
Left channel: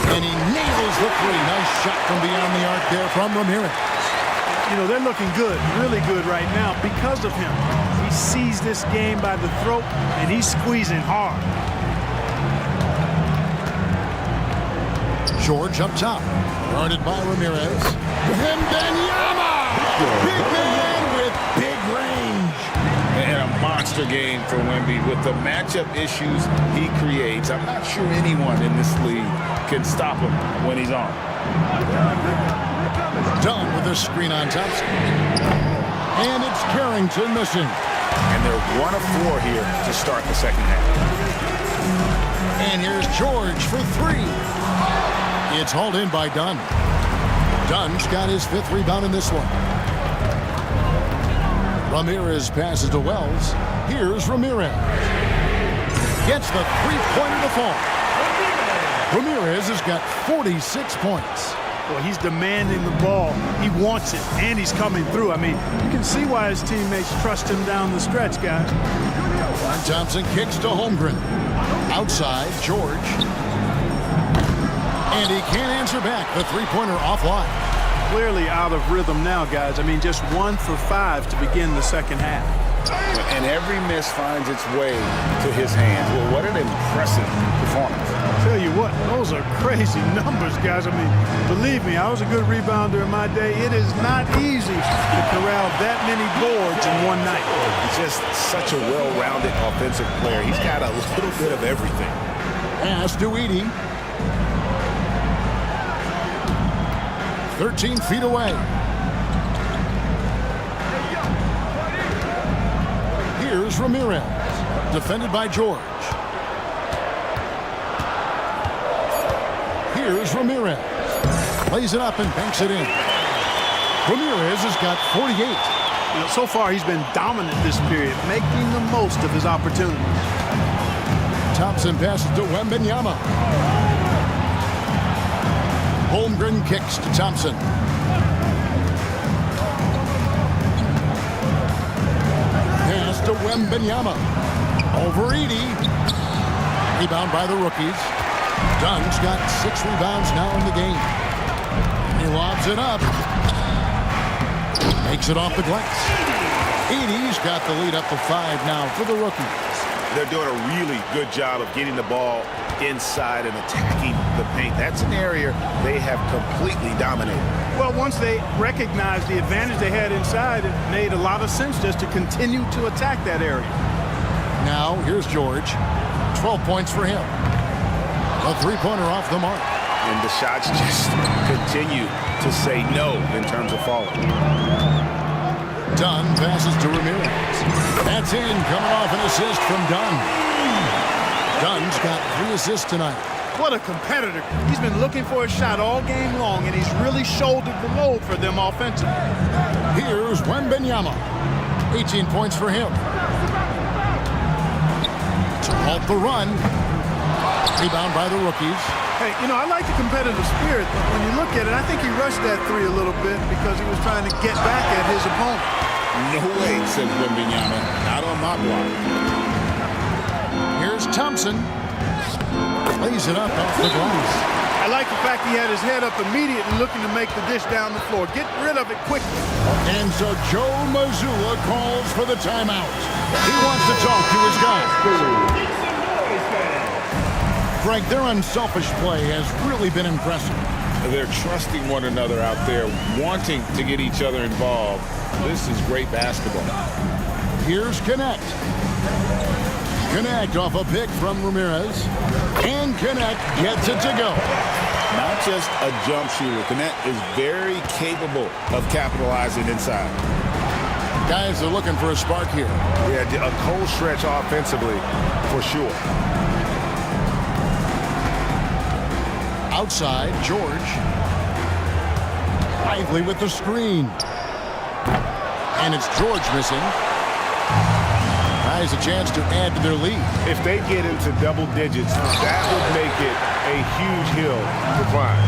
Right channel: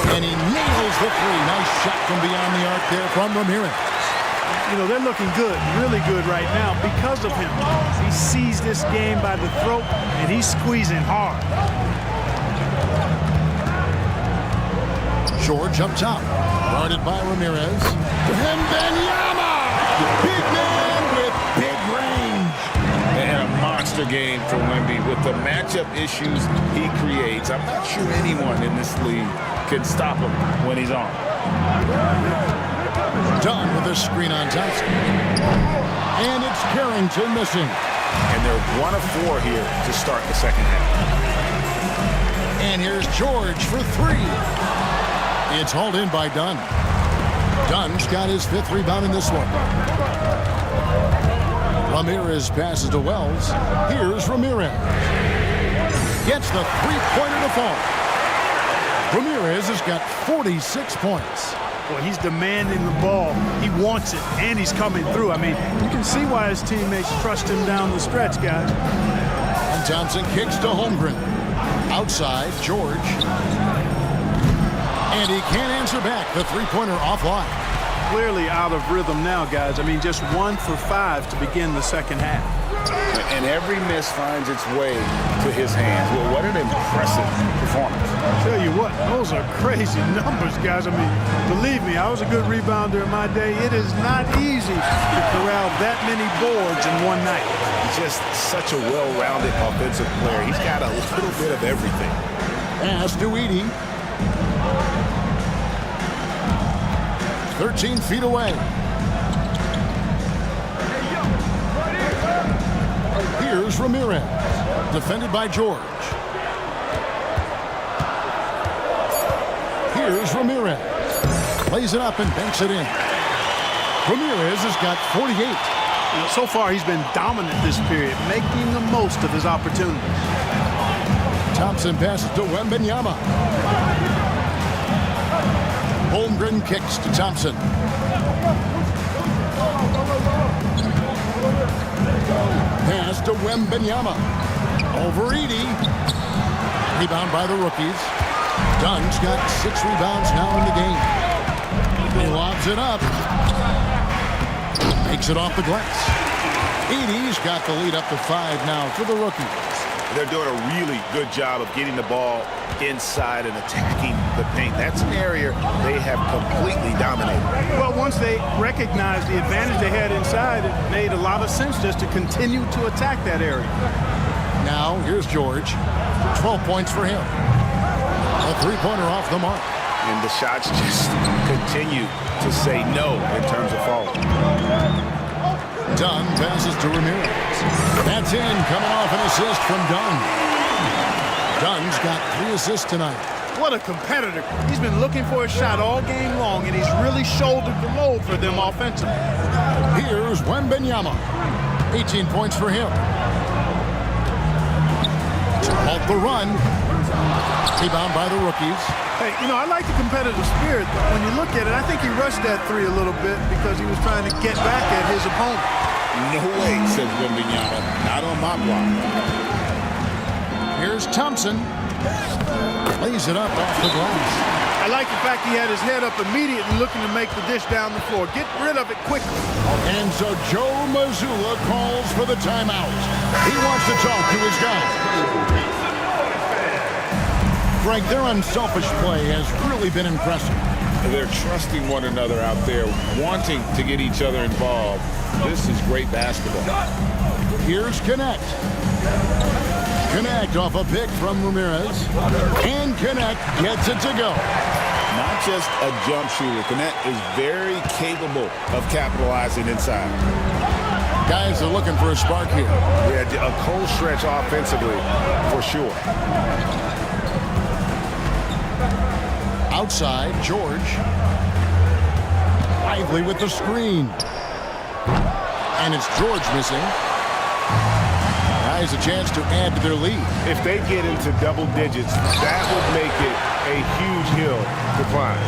And he nails the 3. Nice shot from beyond the arc there from Ramirez. You know, they're looking good, really good right now because of him. He sees this game by the throat, and he's squeezing hard. George up top, guarded by Ramirez. Wembanyama! Big man with big range. And a monster game for Wemby. With the matchup issues he creates, I'm not sure anyone in this league can stop him when he's on. Done with a screen on Thompson. And it's Carrington missing. And they're 1 of 4 here to start the second half. And here's George for 3. It's hauled in by Dunn. Dunn's got his 5th rebound in this one. Ramirez passes to Wells. Here's Ramirez. Gets the 3-pointer to fall. Ramirez has got 46 points. Well, he's demanding the ball. He wants it, and he's coming through. I mean, you can see why his teammates trust him down the stretch, guys. And Thompson kicks to Holmgren. Outside, George. And he can't answer back. The 3-pointer offline. Clearly out of rhythm now, guys. I mean, just 1 for 5 to begin the second half. And every miss finds its way to his hands. Well, what an impressive performance. Tell you what, those are crazy numbers, guys. I mean, believe me, I was a good rebounder in my day. It is not easy to corral that many boards in one night. He's just such a well-rounded offensive player. He's got a little bit of everything. Pass to Edey. 13 feet away. Here's Ramirez, defended by George. Here's Ramirez. Plays it up and banks it in. Ramirez has got 48. You know, so far he's been dominant this period, making the most of his opportunities. Thompson passes to Wembanyama. Holmgren kicks to Thompson. Pass to Wembanyama. Over Edey. Rebound by the rookies. Dunn's got 6 rebounds now in the game. He lobs it up. Makes it off the glass. Edey's got the lead up to 5 now for the rookies. They're doing a really good job of getting the ball inside and attacking the paint. That's an area they have completely dominated. Well, once they recognized the advantage they had inside, it made a lot of sense just to continue to attack that area. Now, here's George. 12 points for him. A 3-pointer off the mark. And the shots just continue to say no in terms of falling. Dunn passes to Ramirez. That's in, coming off an assist from Dunn. Dunn's got 3 assists tonight. What a competitor. He's been looking for a shot all game long, and he's really shouldered the load for them offensively. Here's Wembanyama. 18 points for him. To halt the run. Rebound by the rookies. Hey, you know, I like the competitive spirit, but when you look at it, I think he rushed that 3 a little bit because he was trying to get back at his opponent. No way, says Wembanyama. Not on my block. Here's Thompson. Lays it up off the glass. I like the fact he had his head up immediately looking to make the dish down the floor. Get rid of it quickly. And so Joe Mazzulla calls for the timeout. He wants to talk to his guys. Frank, their unselfish play has really been impressive. They're trusting one another out there, wanting to get each other involved. This is great basketball. Here's Connect. Connect off a pick from Ramirez. And Connect gets it to go. Not just a jump shooter. Connect is very capable of capitalizing inside. Guys are looking for a spark here. Yeah, a cold stretch offensively, for sure. Outside, George. Lively with the screen. And it's George missing. Has a chance to add to their lead. If they get into double digits, that would make it a huge hill to climb.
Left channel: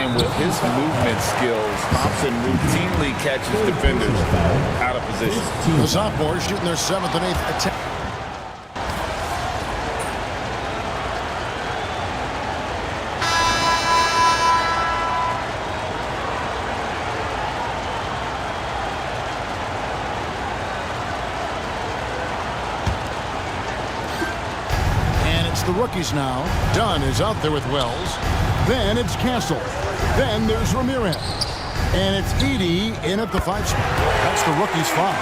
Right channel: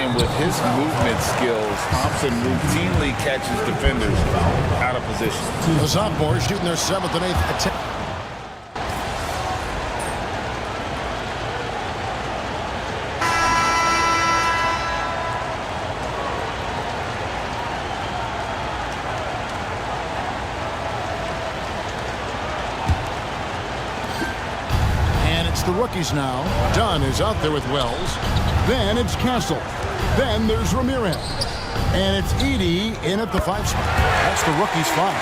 And with his movement skills, Thompson routinely catches defenders out of position. The sophomores shooting their 7th and 8th attempt. It's the rookies now. Dunn is out there with Wells. Then it's Castle. Then there's Ramirez. And it's Edey in at the 5 spot. That's the rookies' 5.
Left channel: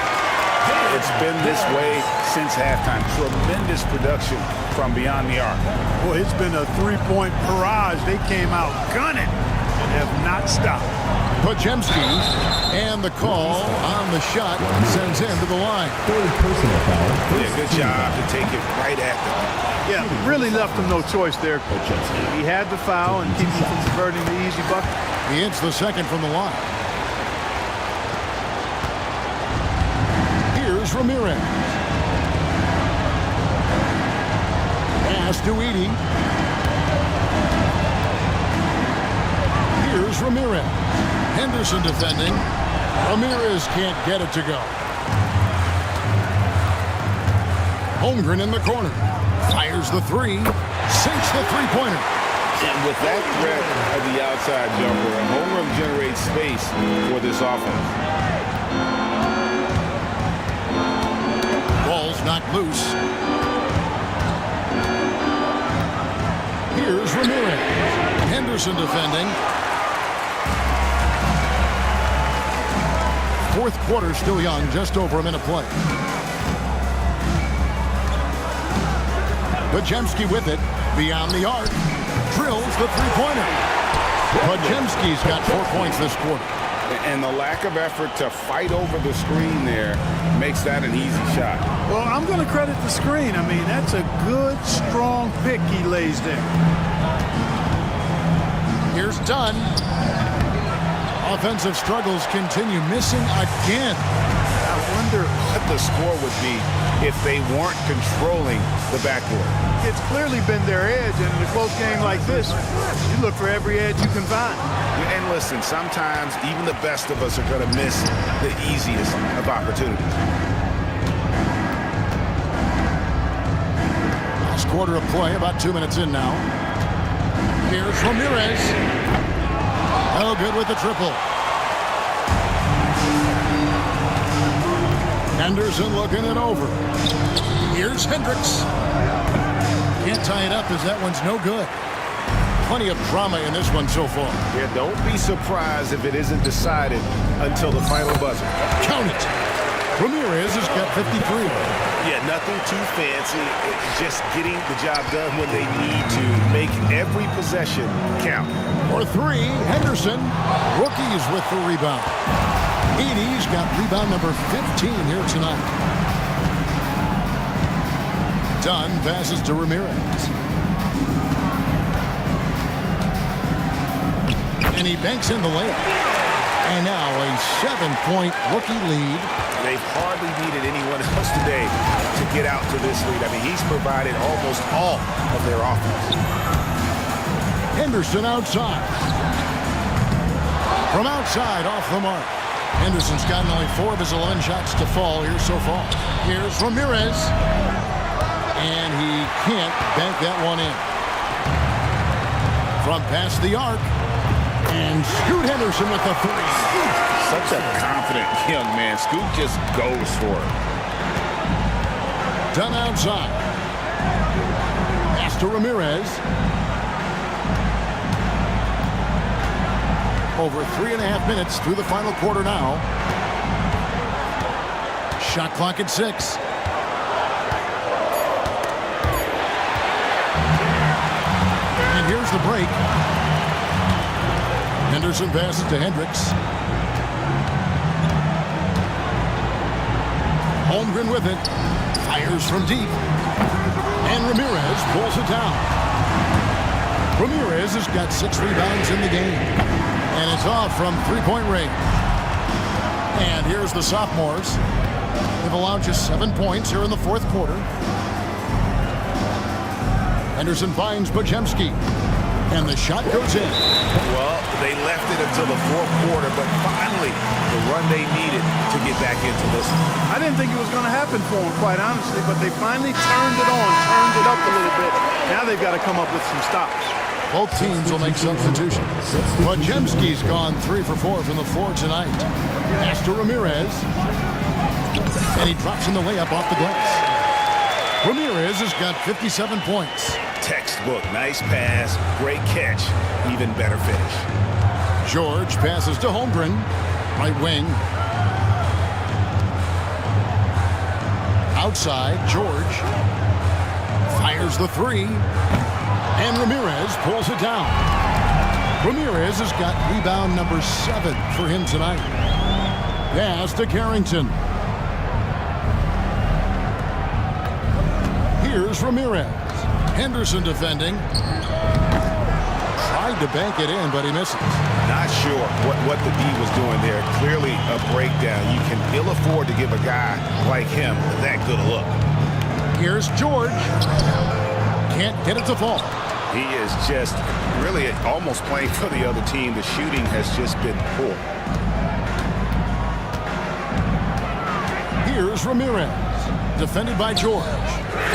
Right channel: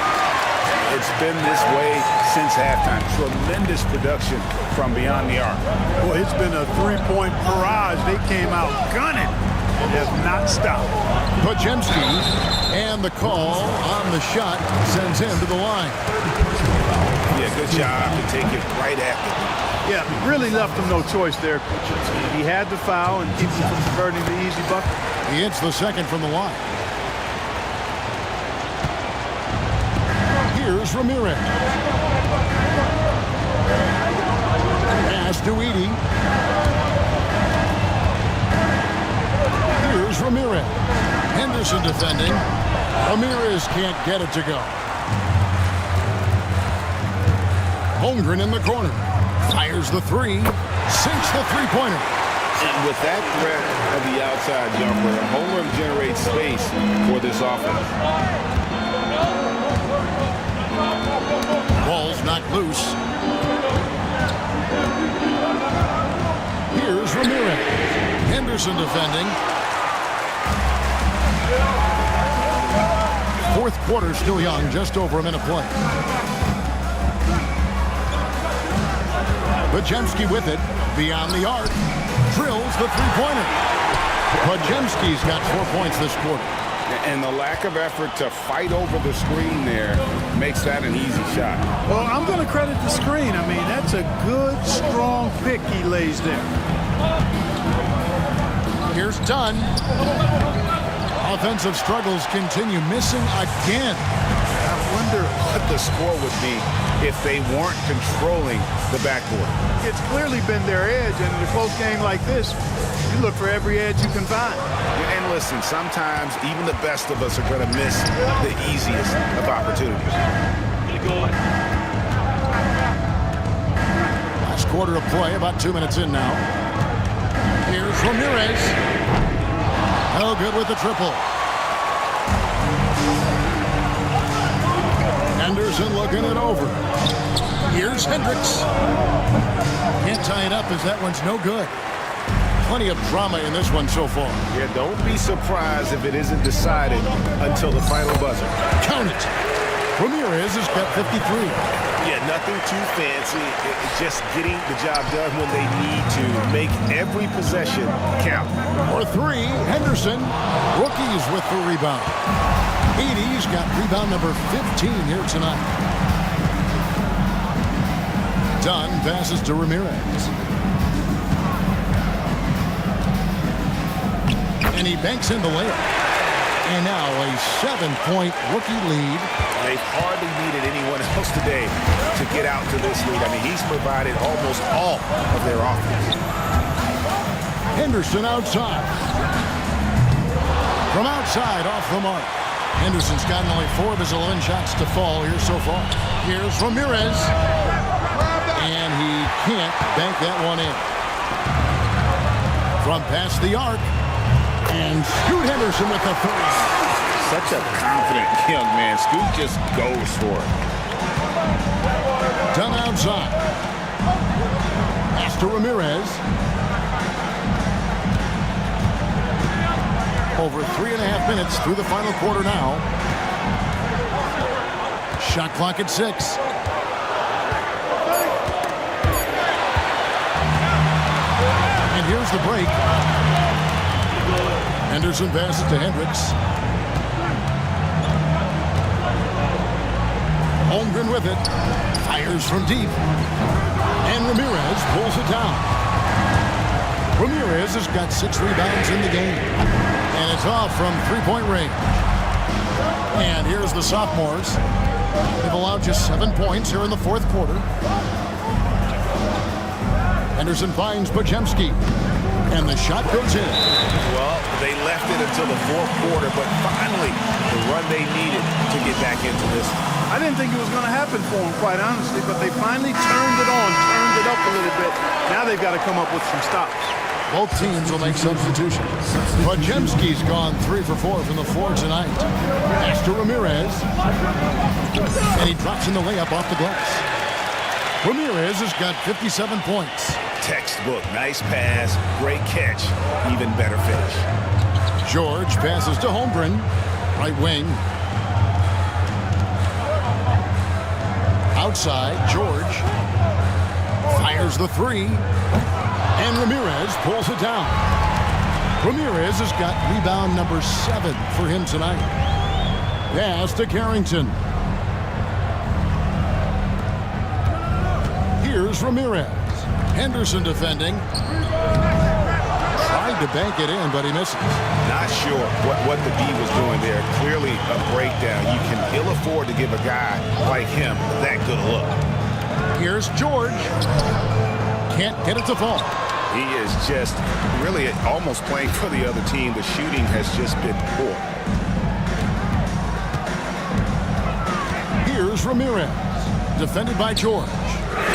It's been this way since halftime. Tremendous production from beyond the arc. Boy, it's been a 3-point barrage. They came out gunning and have not stopped. Podziemski, and the call on the shot sends him to the line. Yeah, good job to take it right at the knee. Yeah, really left him no choice there. He had to foul and keep him from converting the easy bucket. He hits the second from the line. Here's Ramirez. Pass to Edey. Here's Ramirez. Henderson defending. Ramirez can't get it to go. Holmgren in the corner. Fires the 3. Sinks the 3-pointer. And with that threat of the outside jumper, Holmgren generates space for this offense. Ball's knocked loose. Here's Ramirez. Henderson defending. 4th quarter still young, just over a minute play. Podziemski with it, beyond the arc. drills the three-pointer. Podziemski's got 4 points this quarter. And the lack of effort to fight over the screen there makes that an easy shot. Well, I'm going to credit the screen. I mean, that's a good, strong pick he lays there. Here's Dunn. Offensive struggles continue, missing again. I wonder what the score would be if they weren't controlling the backboard. It's clearly been their edge, and in a close game like this, you look for every edge you can find. And listen, sometimes even the best of us are going to miss the easiest of opportunities. Last quarter of play, about 2 minutes in now. Here's Ramirez. Oh, good with the triple. Henderson looking it over. Here's Hendricks. Can't tie it up as that one's no good. Plenty of drama in this one so far. Yeah, don't be surprised if it isn't decided until the final buzzer. Count it. Ramirez has got 53. Yeah, nothing too fancy. Just getting the job done when they need to. Make every possession count. For three, Henderson. Rookies with the rebound. Edey's got rebound number 15 here tonight. Dunn passes to Ramirez. And he banks in the layup. And now a 7-point rookie lead. They've hardly needed anyone else today to get out to this lead. I mean, he's provided almost all of their offense. Henderson outside. From outside, off the mark. Henderson's gotten only 4 of his 11 shots to fall here so far. Here's Ramirez. And he can't bank that one in. From past the arc. And Scoot Henderson with the three. Such a confident young man. Scoot just goes for it. Dunn outside. Pass to Ramirez. Over 3.5 minutes through the final quarter now. Shot clock at 6. And here's the break. Henderson passes to Hendricks. Holmgren with it. Fires from deep. And Ramirez pulls it down. Ramirez has got 6 rebounds in the game. And it's off from three-point range. And here's the sophomores. They've allowed just 7 points here in the fourth quarter. Henderson finds Podziemski. And the shot goes in. Well, they left it until the fourth quarter, but finally the run they needed to get back into this one. I didn't think it was going to happen for them, quite honestly, but they finally turned it on, turned it up a little bit. Now they've got to come up with some stops. Both teams will make substitutions. Podziemski's gone 3 for 4 from the floor tonight. Pass to Ramirez. And he drops in the layup off the glass. Ramirez has got 57 points. Textbook, nice pass, great catch, even better finish. George passes to Holmgren, right wing. Outside, George fires the three, and Ramirez pulls it down. Ramirez has got rebound number 7 for him tonight. Pass to Carrington. Here's Ramirez. Henderson defending. Tried to bank it in, but he misses. Not sure what the D was doing there. Clearly a breakdown. You can ill afford to give a guy like him that good a look. Here's George. Can't get it to fall. He is just really almost playing for the other team. The shooting has just been poor. Here's Ramirez. Defended by George.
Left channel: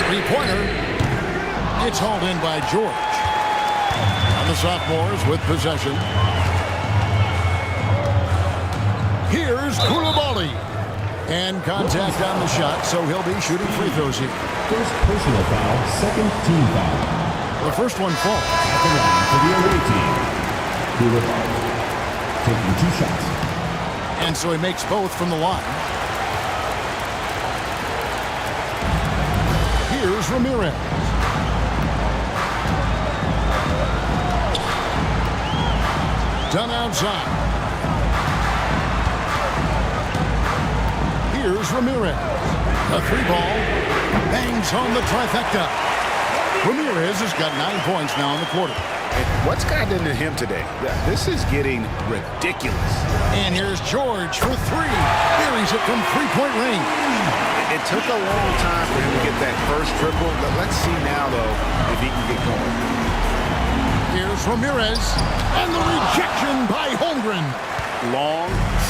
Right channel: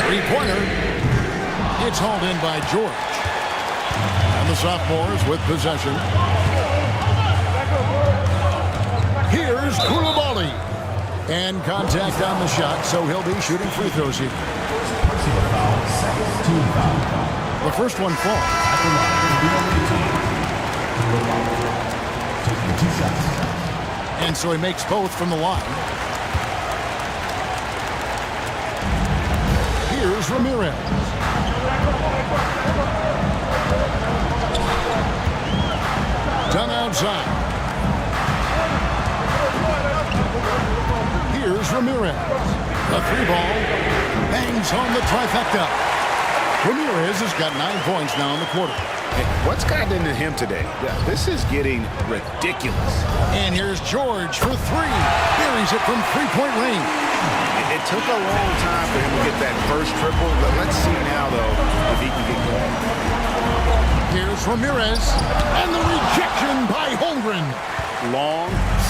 Three-pointer. It's hauled in by George. And the sophomores with possession. Here's Koulibaly. And contact on the shot, so he'll be shooting free throws here. First personal foul, second team foul. The first one falls. At the line for the away team. Koulibaly taking 2 shots. And so he makes both from the line. Here's Ramirez. Dunn outside. Here's Ramirez. The 3-ball bangs home the trifecta. Ramirez has got 9 points now in the quarter. And what's gotten into him today? This is getting ridiculous. And here's George for 3. Buries it from 3-point range. It took a long time for him to get that first triple. Let's see now, though, if he can get going. Here's Ramirez. And the rejection by Holmgren. Long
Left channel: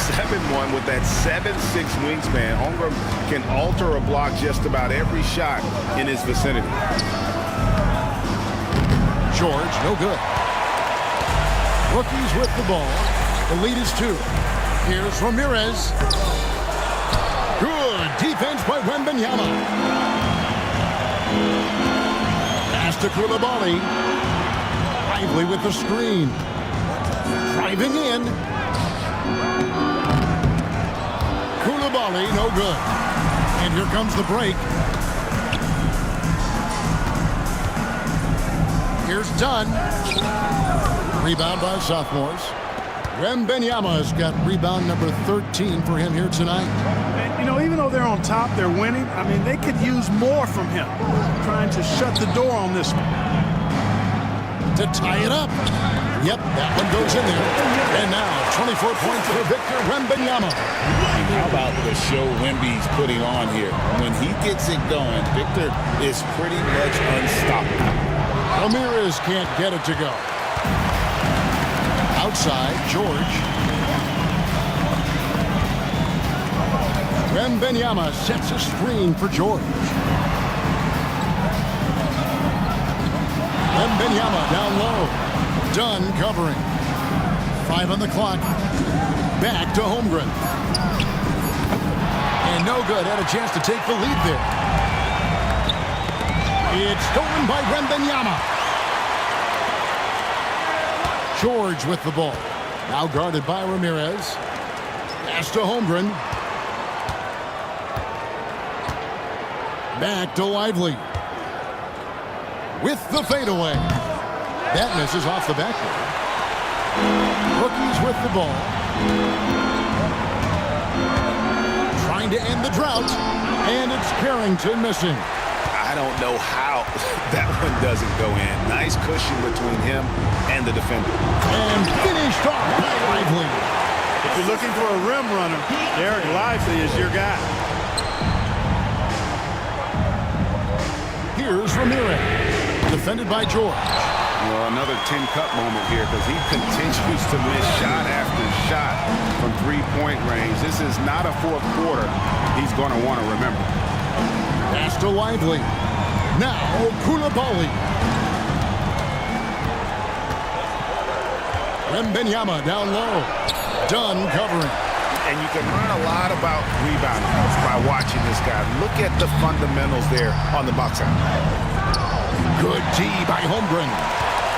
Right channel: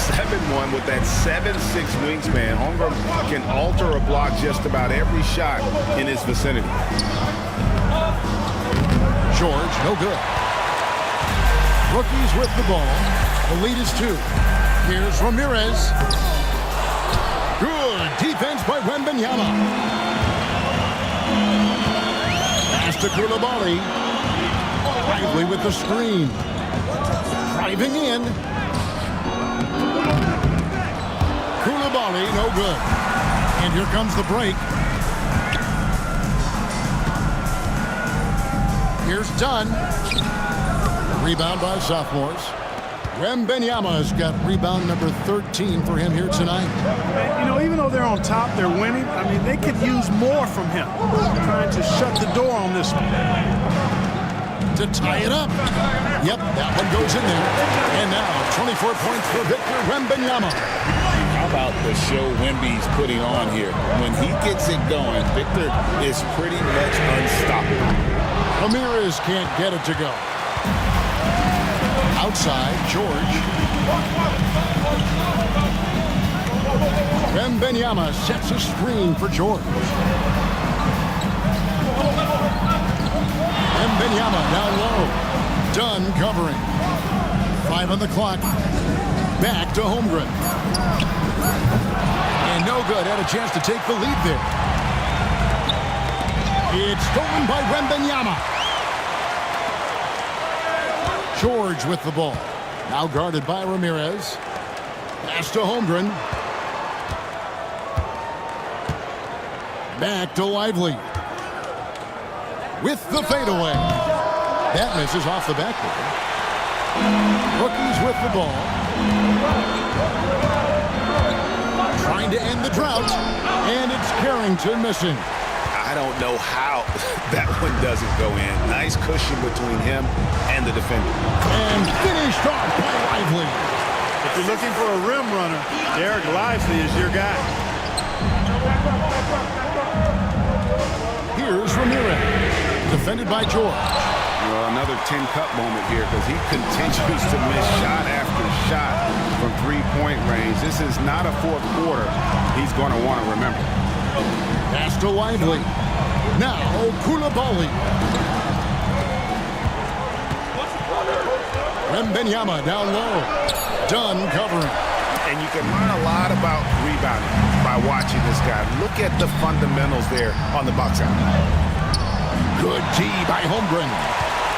7-1 with that 7'6" wingspan. Holmgren can alter a block just about every shot in his vicinity. George, no good. Rookies with the ball. The lead is 2. Here's Ramirez. Good defense by Wembanyama. Pass to Coulibaly. Lively with the screen. Driving in. Coulibaly, no good. And here comes the break. Here's Dunn. Rebound by sophomores. Wembanyama's got rebound number 13 for him here tonight. And, you know, even though they're on top, they're winning. I mean, they could use more from him. Trying to shut the door on this one. To tie it up. Yep, that one goes in there. And now 24 points for Victor Wembanyama. How about the show Wemby's putting on here? When he gets it going, Victor is pretty much unstoppable. Ramirez can't get it to go. Outside, George. Wembanyama sets a screen for George. Wembanyama down low. Dunn covering. 5 on the clock. Back to Holmgren. And no good. Had a chance to take the lead there. It's stolen by Wembanyama. George with the ball. Now guarded by Ramirez. Pass to Holmgren. Back to Lively. With the fadeaway. That misses off the backboard. Rookies with the ball. Trying to end the drought. And it's Carrington missing. I don't know how that one doesn't go in. Nice cushion between him and the defender. And finished off by Lively. If you're looking for a rim runner, Derek Lively is your guy. Here's Ramirez. Defended by George. Well, another 10-cup moment here because he continues to miss shot after shot from 3-point range. This is not a fourth quarter he's going to want to remember. Pass to Lively. Now Coulibaly. Wembanyama down low. Dunn covering. And you can learn a lot about rebounding by watching this guy. Look at the fundamentals there on the box out. Good D by Holmgren.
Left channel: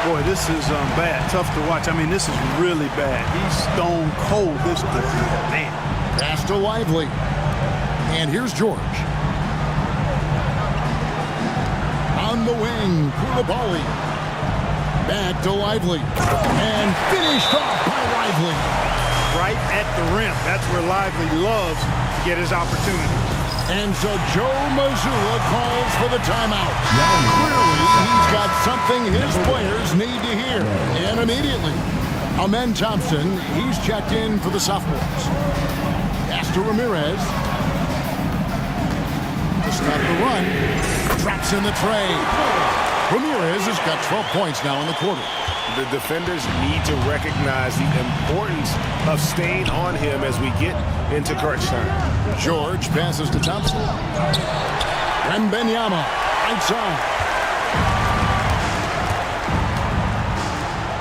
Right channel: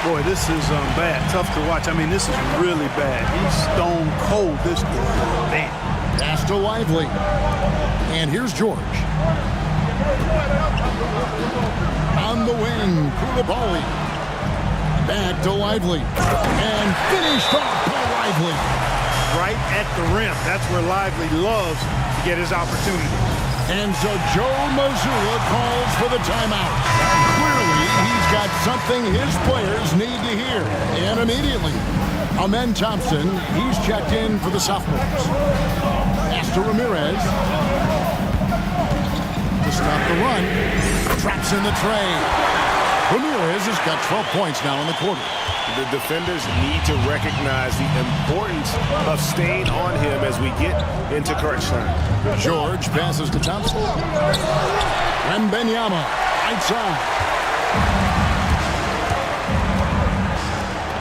Boy, this is bad. Tough to watch. I mean, this is really bad. He's stone cold this quarter. Man. Pass to Lively. And here's George. On the wing, Coulibaly. Back to Lively. And finished off by Lively. Right at the rim. That's where Lively loves to get his opportunities. And so Joe Mazzulla calls for the timeout. Clearly, he's got something his players need to hear. And immediately, Amen Thompson, he's checked in for the sophomores. Pass to Ramirez. To stop the run. Drops in the tray. Ramirez has got 12 points now in the quarter. The defenders need to recognize the importance of staying on him as we get into crunch time. George passes to Thompson. Wembanyama, right side.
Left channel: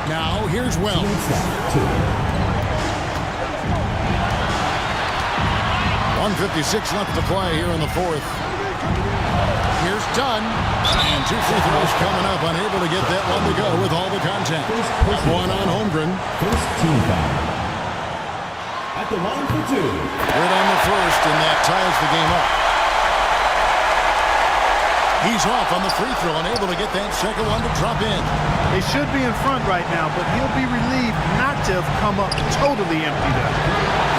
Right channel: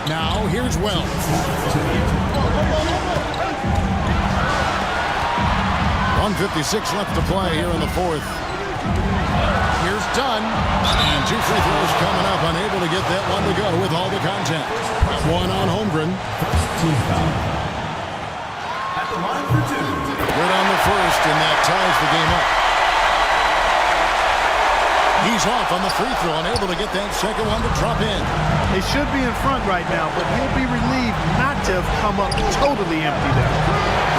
Now here's Wells. .156 left to play here in the fourth. Here's Dunn. And 2 free throws coming up. Unable to get that one to go with all the contact. That one on Holmgren. First team foul. At the line for 2. Good on the first, and that ties the game up. He's off on the free throw and able to get that second one to drop in. They should be in front right now, but he'll be relieved not to have come up totally empty there.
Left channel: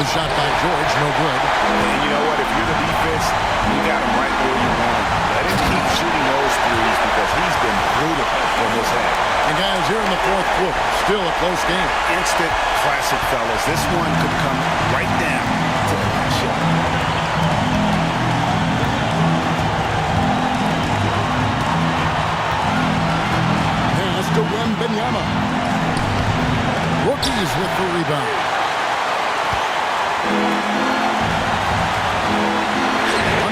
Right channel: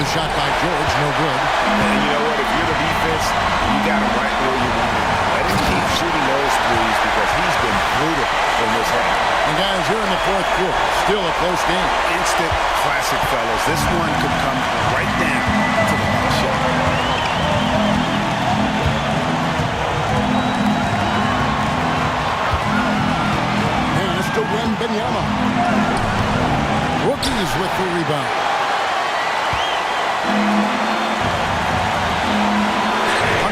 The shot by George, no good. And you know what? If you're the defense, you got him right where you want him. Let him keep shooting those threes because he's been brutal in this half. And guys, here in the fourth quarter, still a close game. Instant classic, fellas. This one could come right down to the last shot. Pass to Wembanyama. Rookies with the rebound.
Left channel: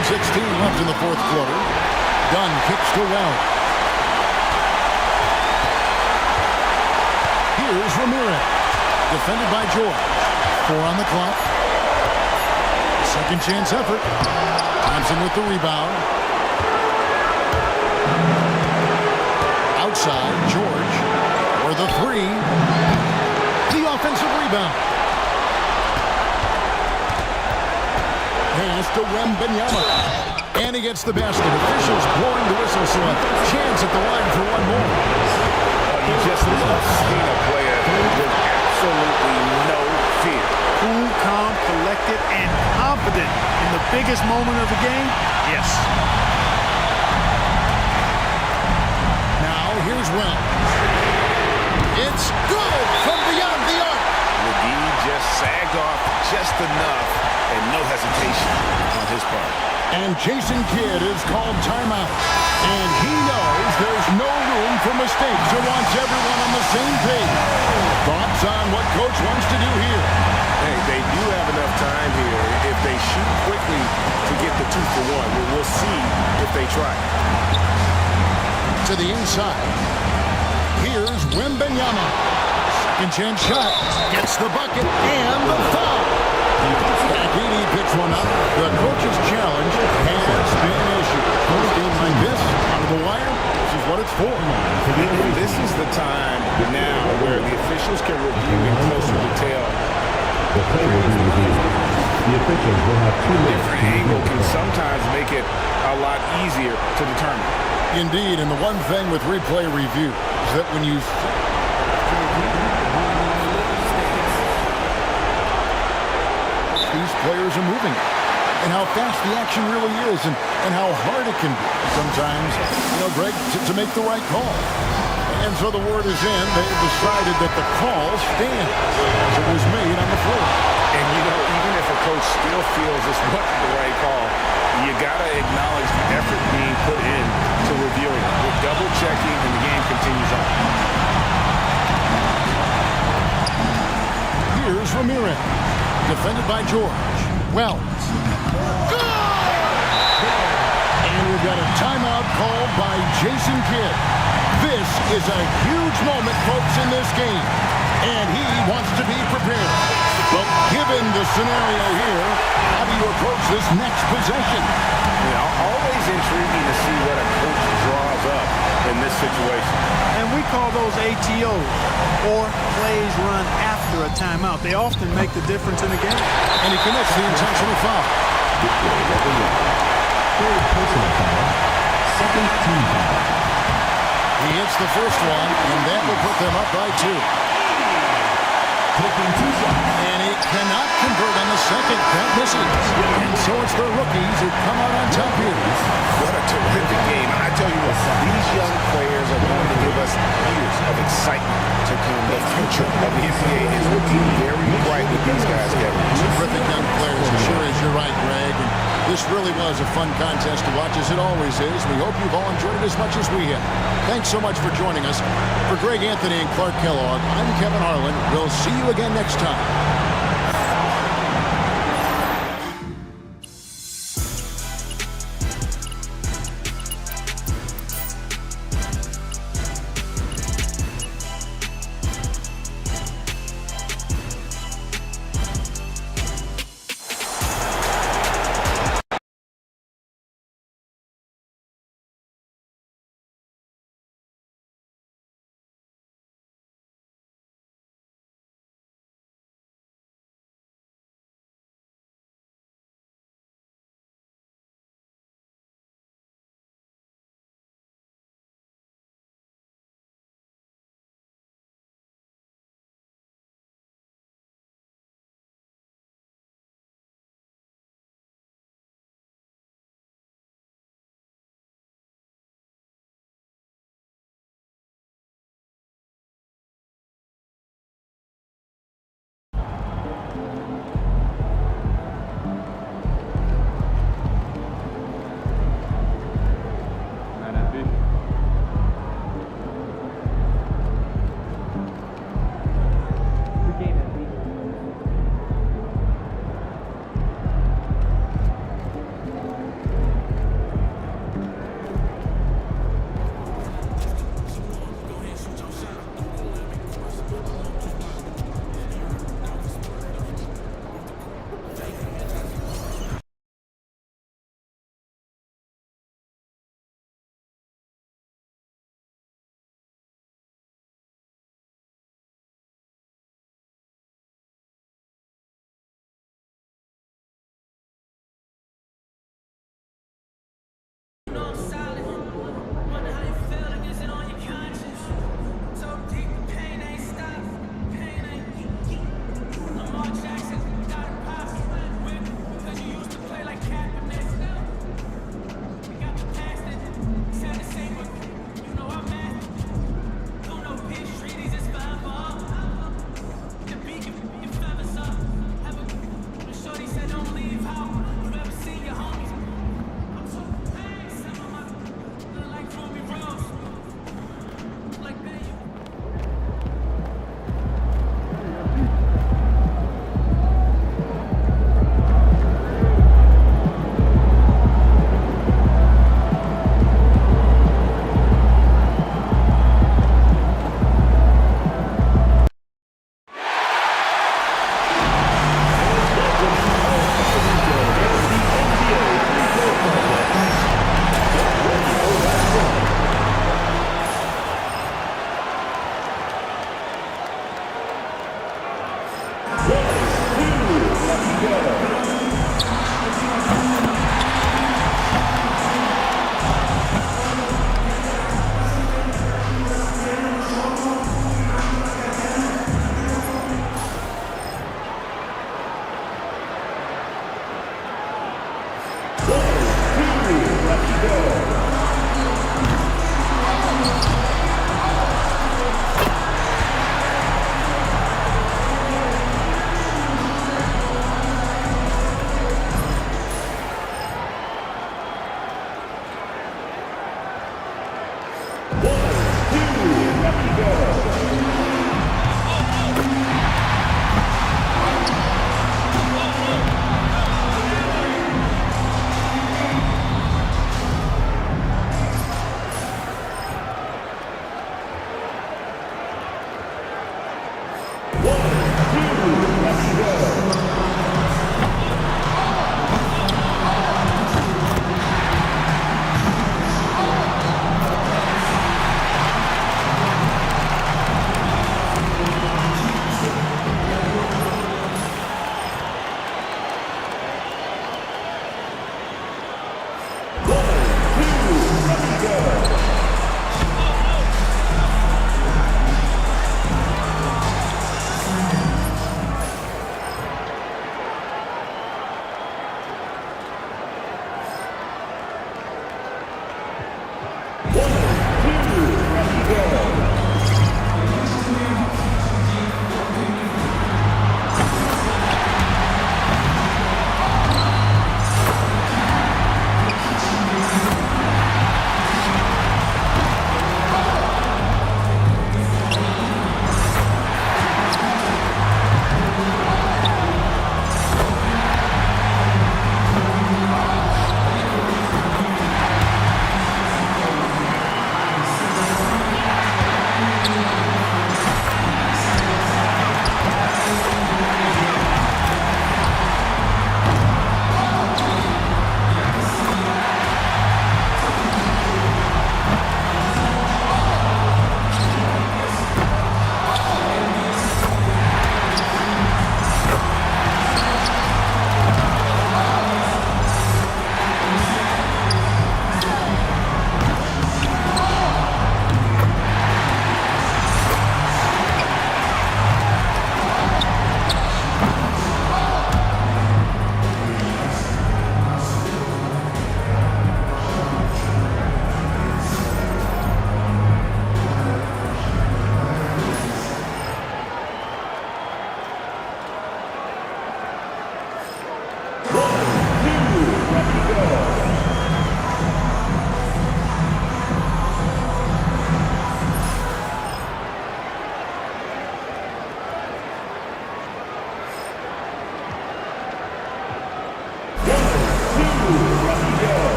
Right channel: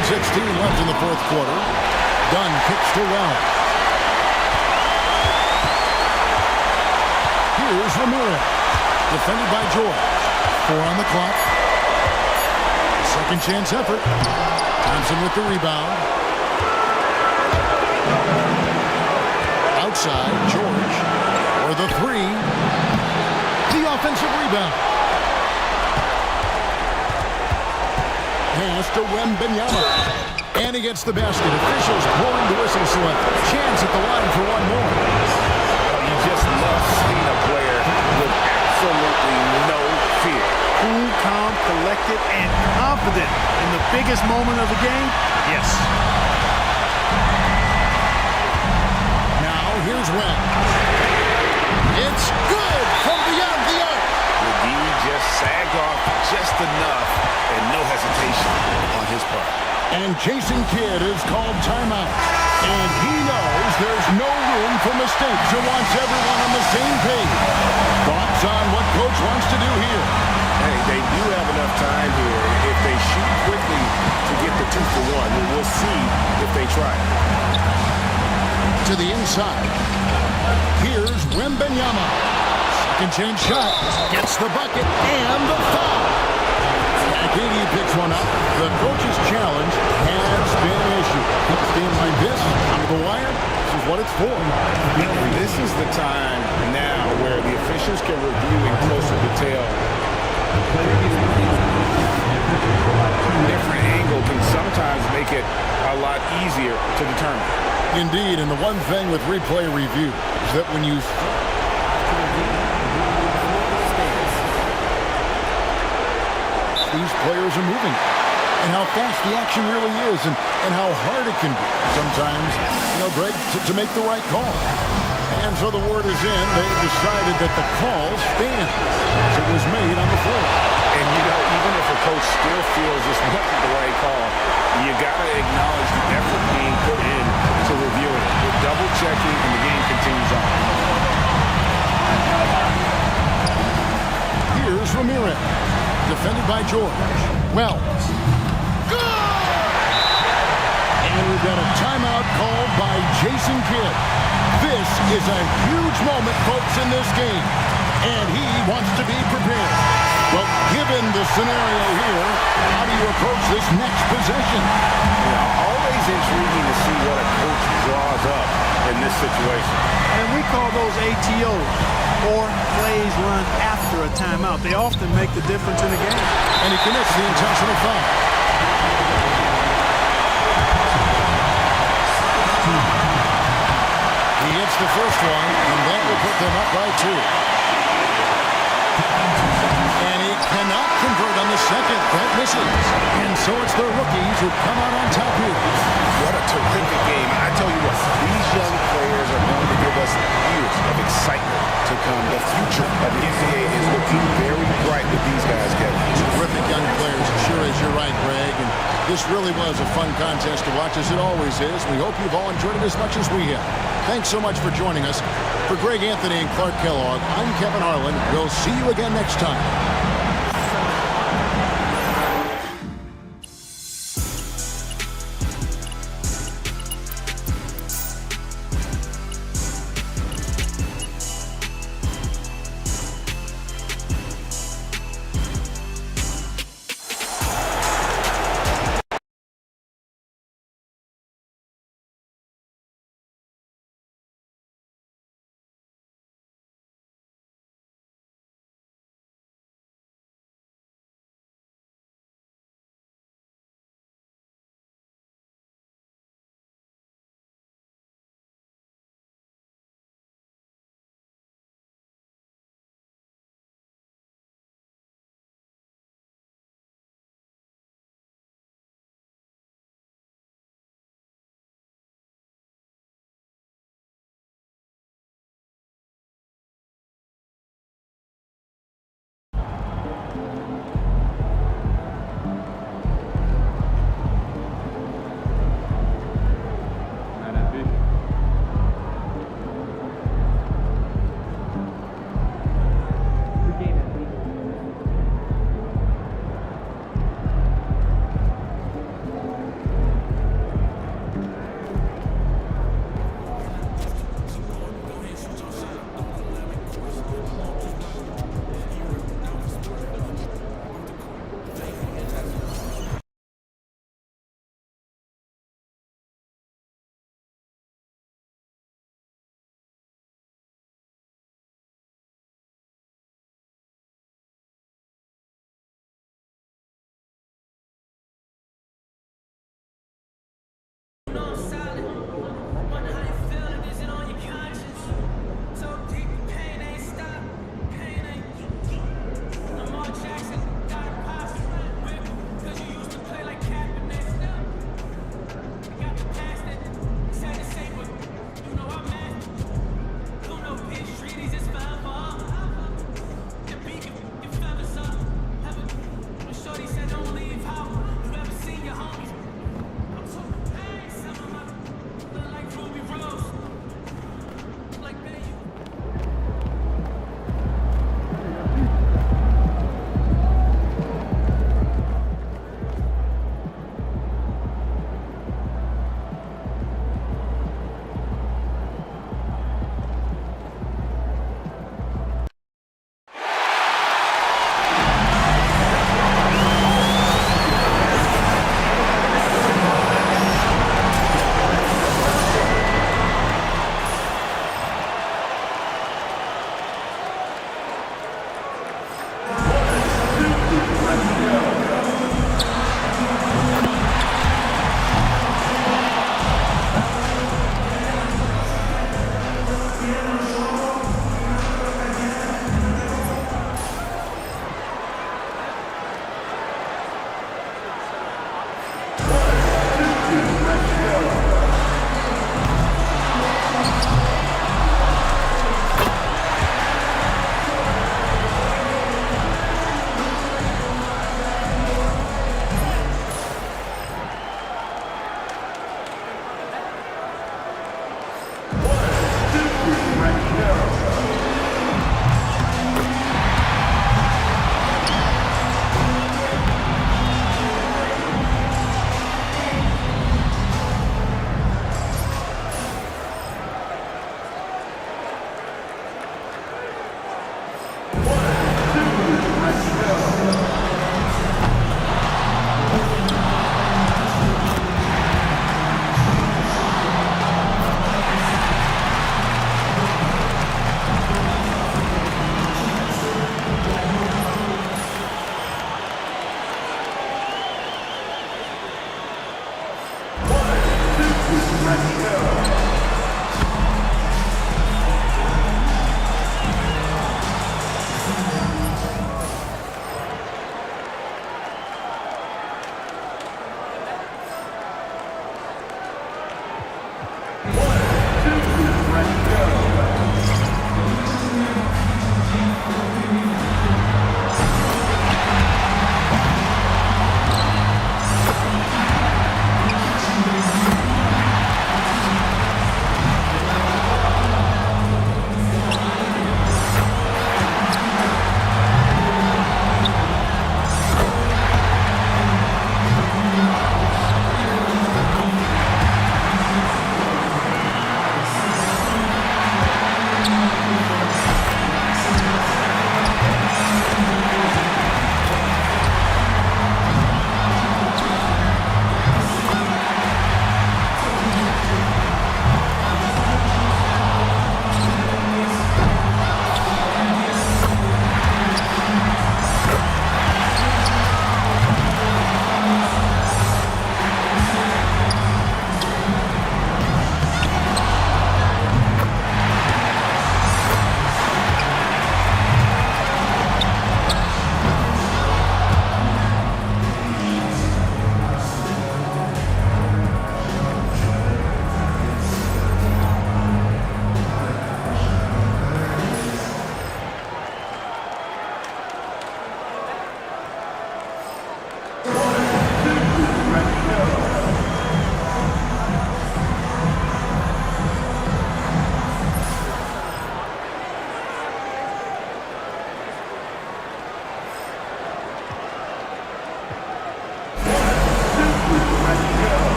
.16 left in the fourth quarter. Dunn kicks to Wells. Here's Ramirez. Defended by George. 4 on the clock. Second chance effort. Thompson with the rebound. Outside, George for the 3. The offensive rebound. Pass to Wembanyama. And he gets the basket. Officials blowing the whistle, so a chance at the line for one more. Oh, you just love seeing a player with absolutely no fear. Cool, calm, collected, and confident in the biggest moment of the game? Yes. Now, here's Wells. It's good from beyond the arc. McGee just sagged off just enough and no hesitation on his part. And Jason Kidd is called timeout. And he knows there's no room for mistakes and wants everyone on the same page. Thoughts on what Coach wants to do here? Hey, they do have enough time here. If they shoot quickly to get the 2 for 1, we'll see if they try. To the inside. Here's Wembanyama. Second chance shot. Gets the bucket and the foul. Akini picks one up. The coach's challenge has been issued. Close game like this, out of the wire, this is what it's for. And this is the time now where the officials can review in closer detail. Different angle can sometimes make it a lot easier to determine. Indeed, and the one thing with replay review is that when you these players are moving and how fast the action really is and how hard it can be sometimes, Greg, to make the right call. And so the word is in. They've decided that the call stands as it was made on the floor. And, even if a coach still feels this wasn't the right call, you got to acknowledge the effort being put in to reviewing it. With double-checking, and the game continues on. Here's Ramirez. Defended by George. Wells. Good! And we've got a timeout called by Jason Kidd. This is a huge moment, folks, in this game. And he wants to be prepared. Well, given the scenario here, how do you approach this next possession? Always intriguing to see what a coach draws up in this situation. And we call those ATOs, or plays run after a timeout. They often make the difference in a game. And he commits the intentional foul. He hits the first one, and that will put them up by 2. And he cannot convert on the second. That misses. And so it's the rookies who come out on top here. What a terrific game. I tell you what, these young players are going to give us years of excitement to come. The future of the NBA is looking very bright with these guys, Kevin. Terrific young players. It sure is. You're right, Greg. And this really was a fun contest to watch, as it always is. We hope you've all enjoyed it as much as we have. Thanks so much for joining us. For Greg Anthony and Clark Kellogg, I'm Kevin Harlan. We'll see you again next time.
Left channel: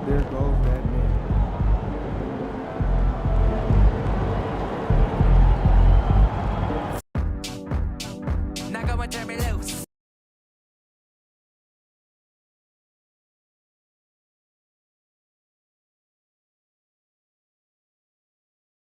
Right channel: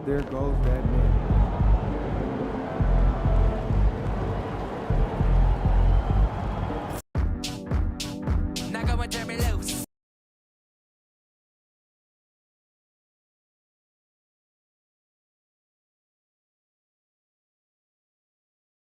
there goes that man.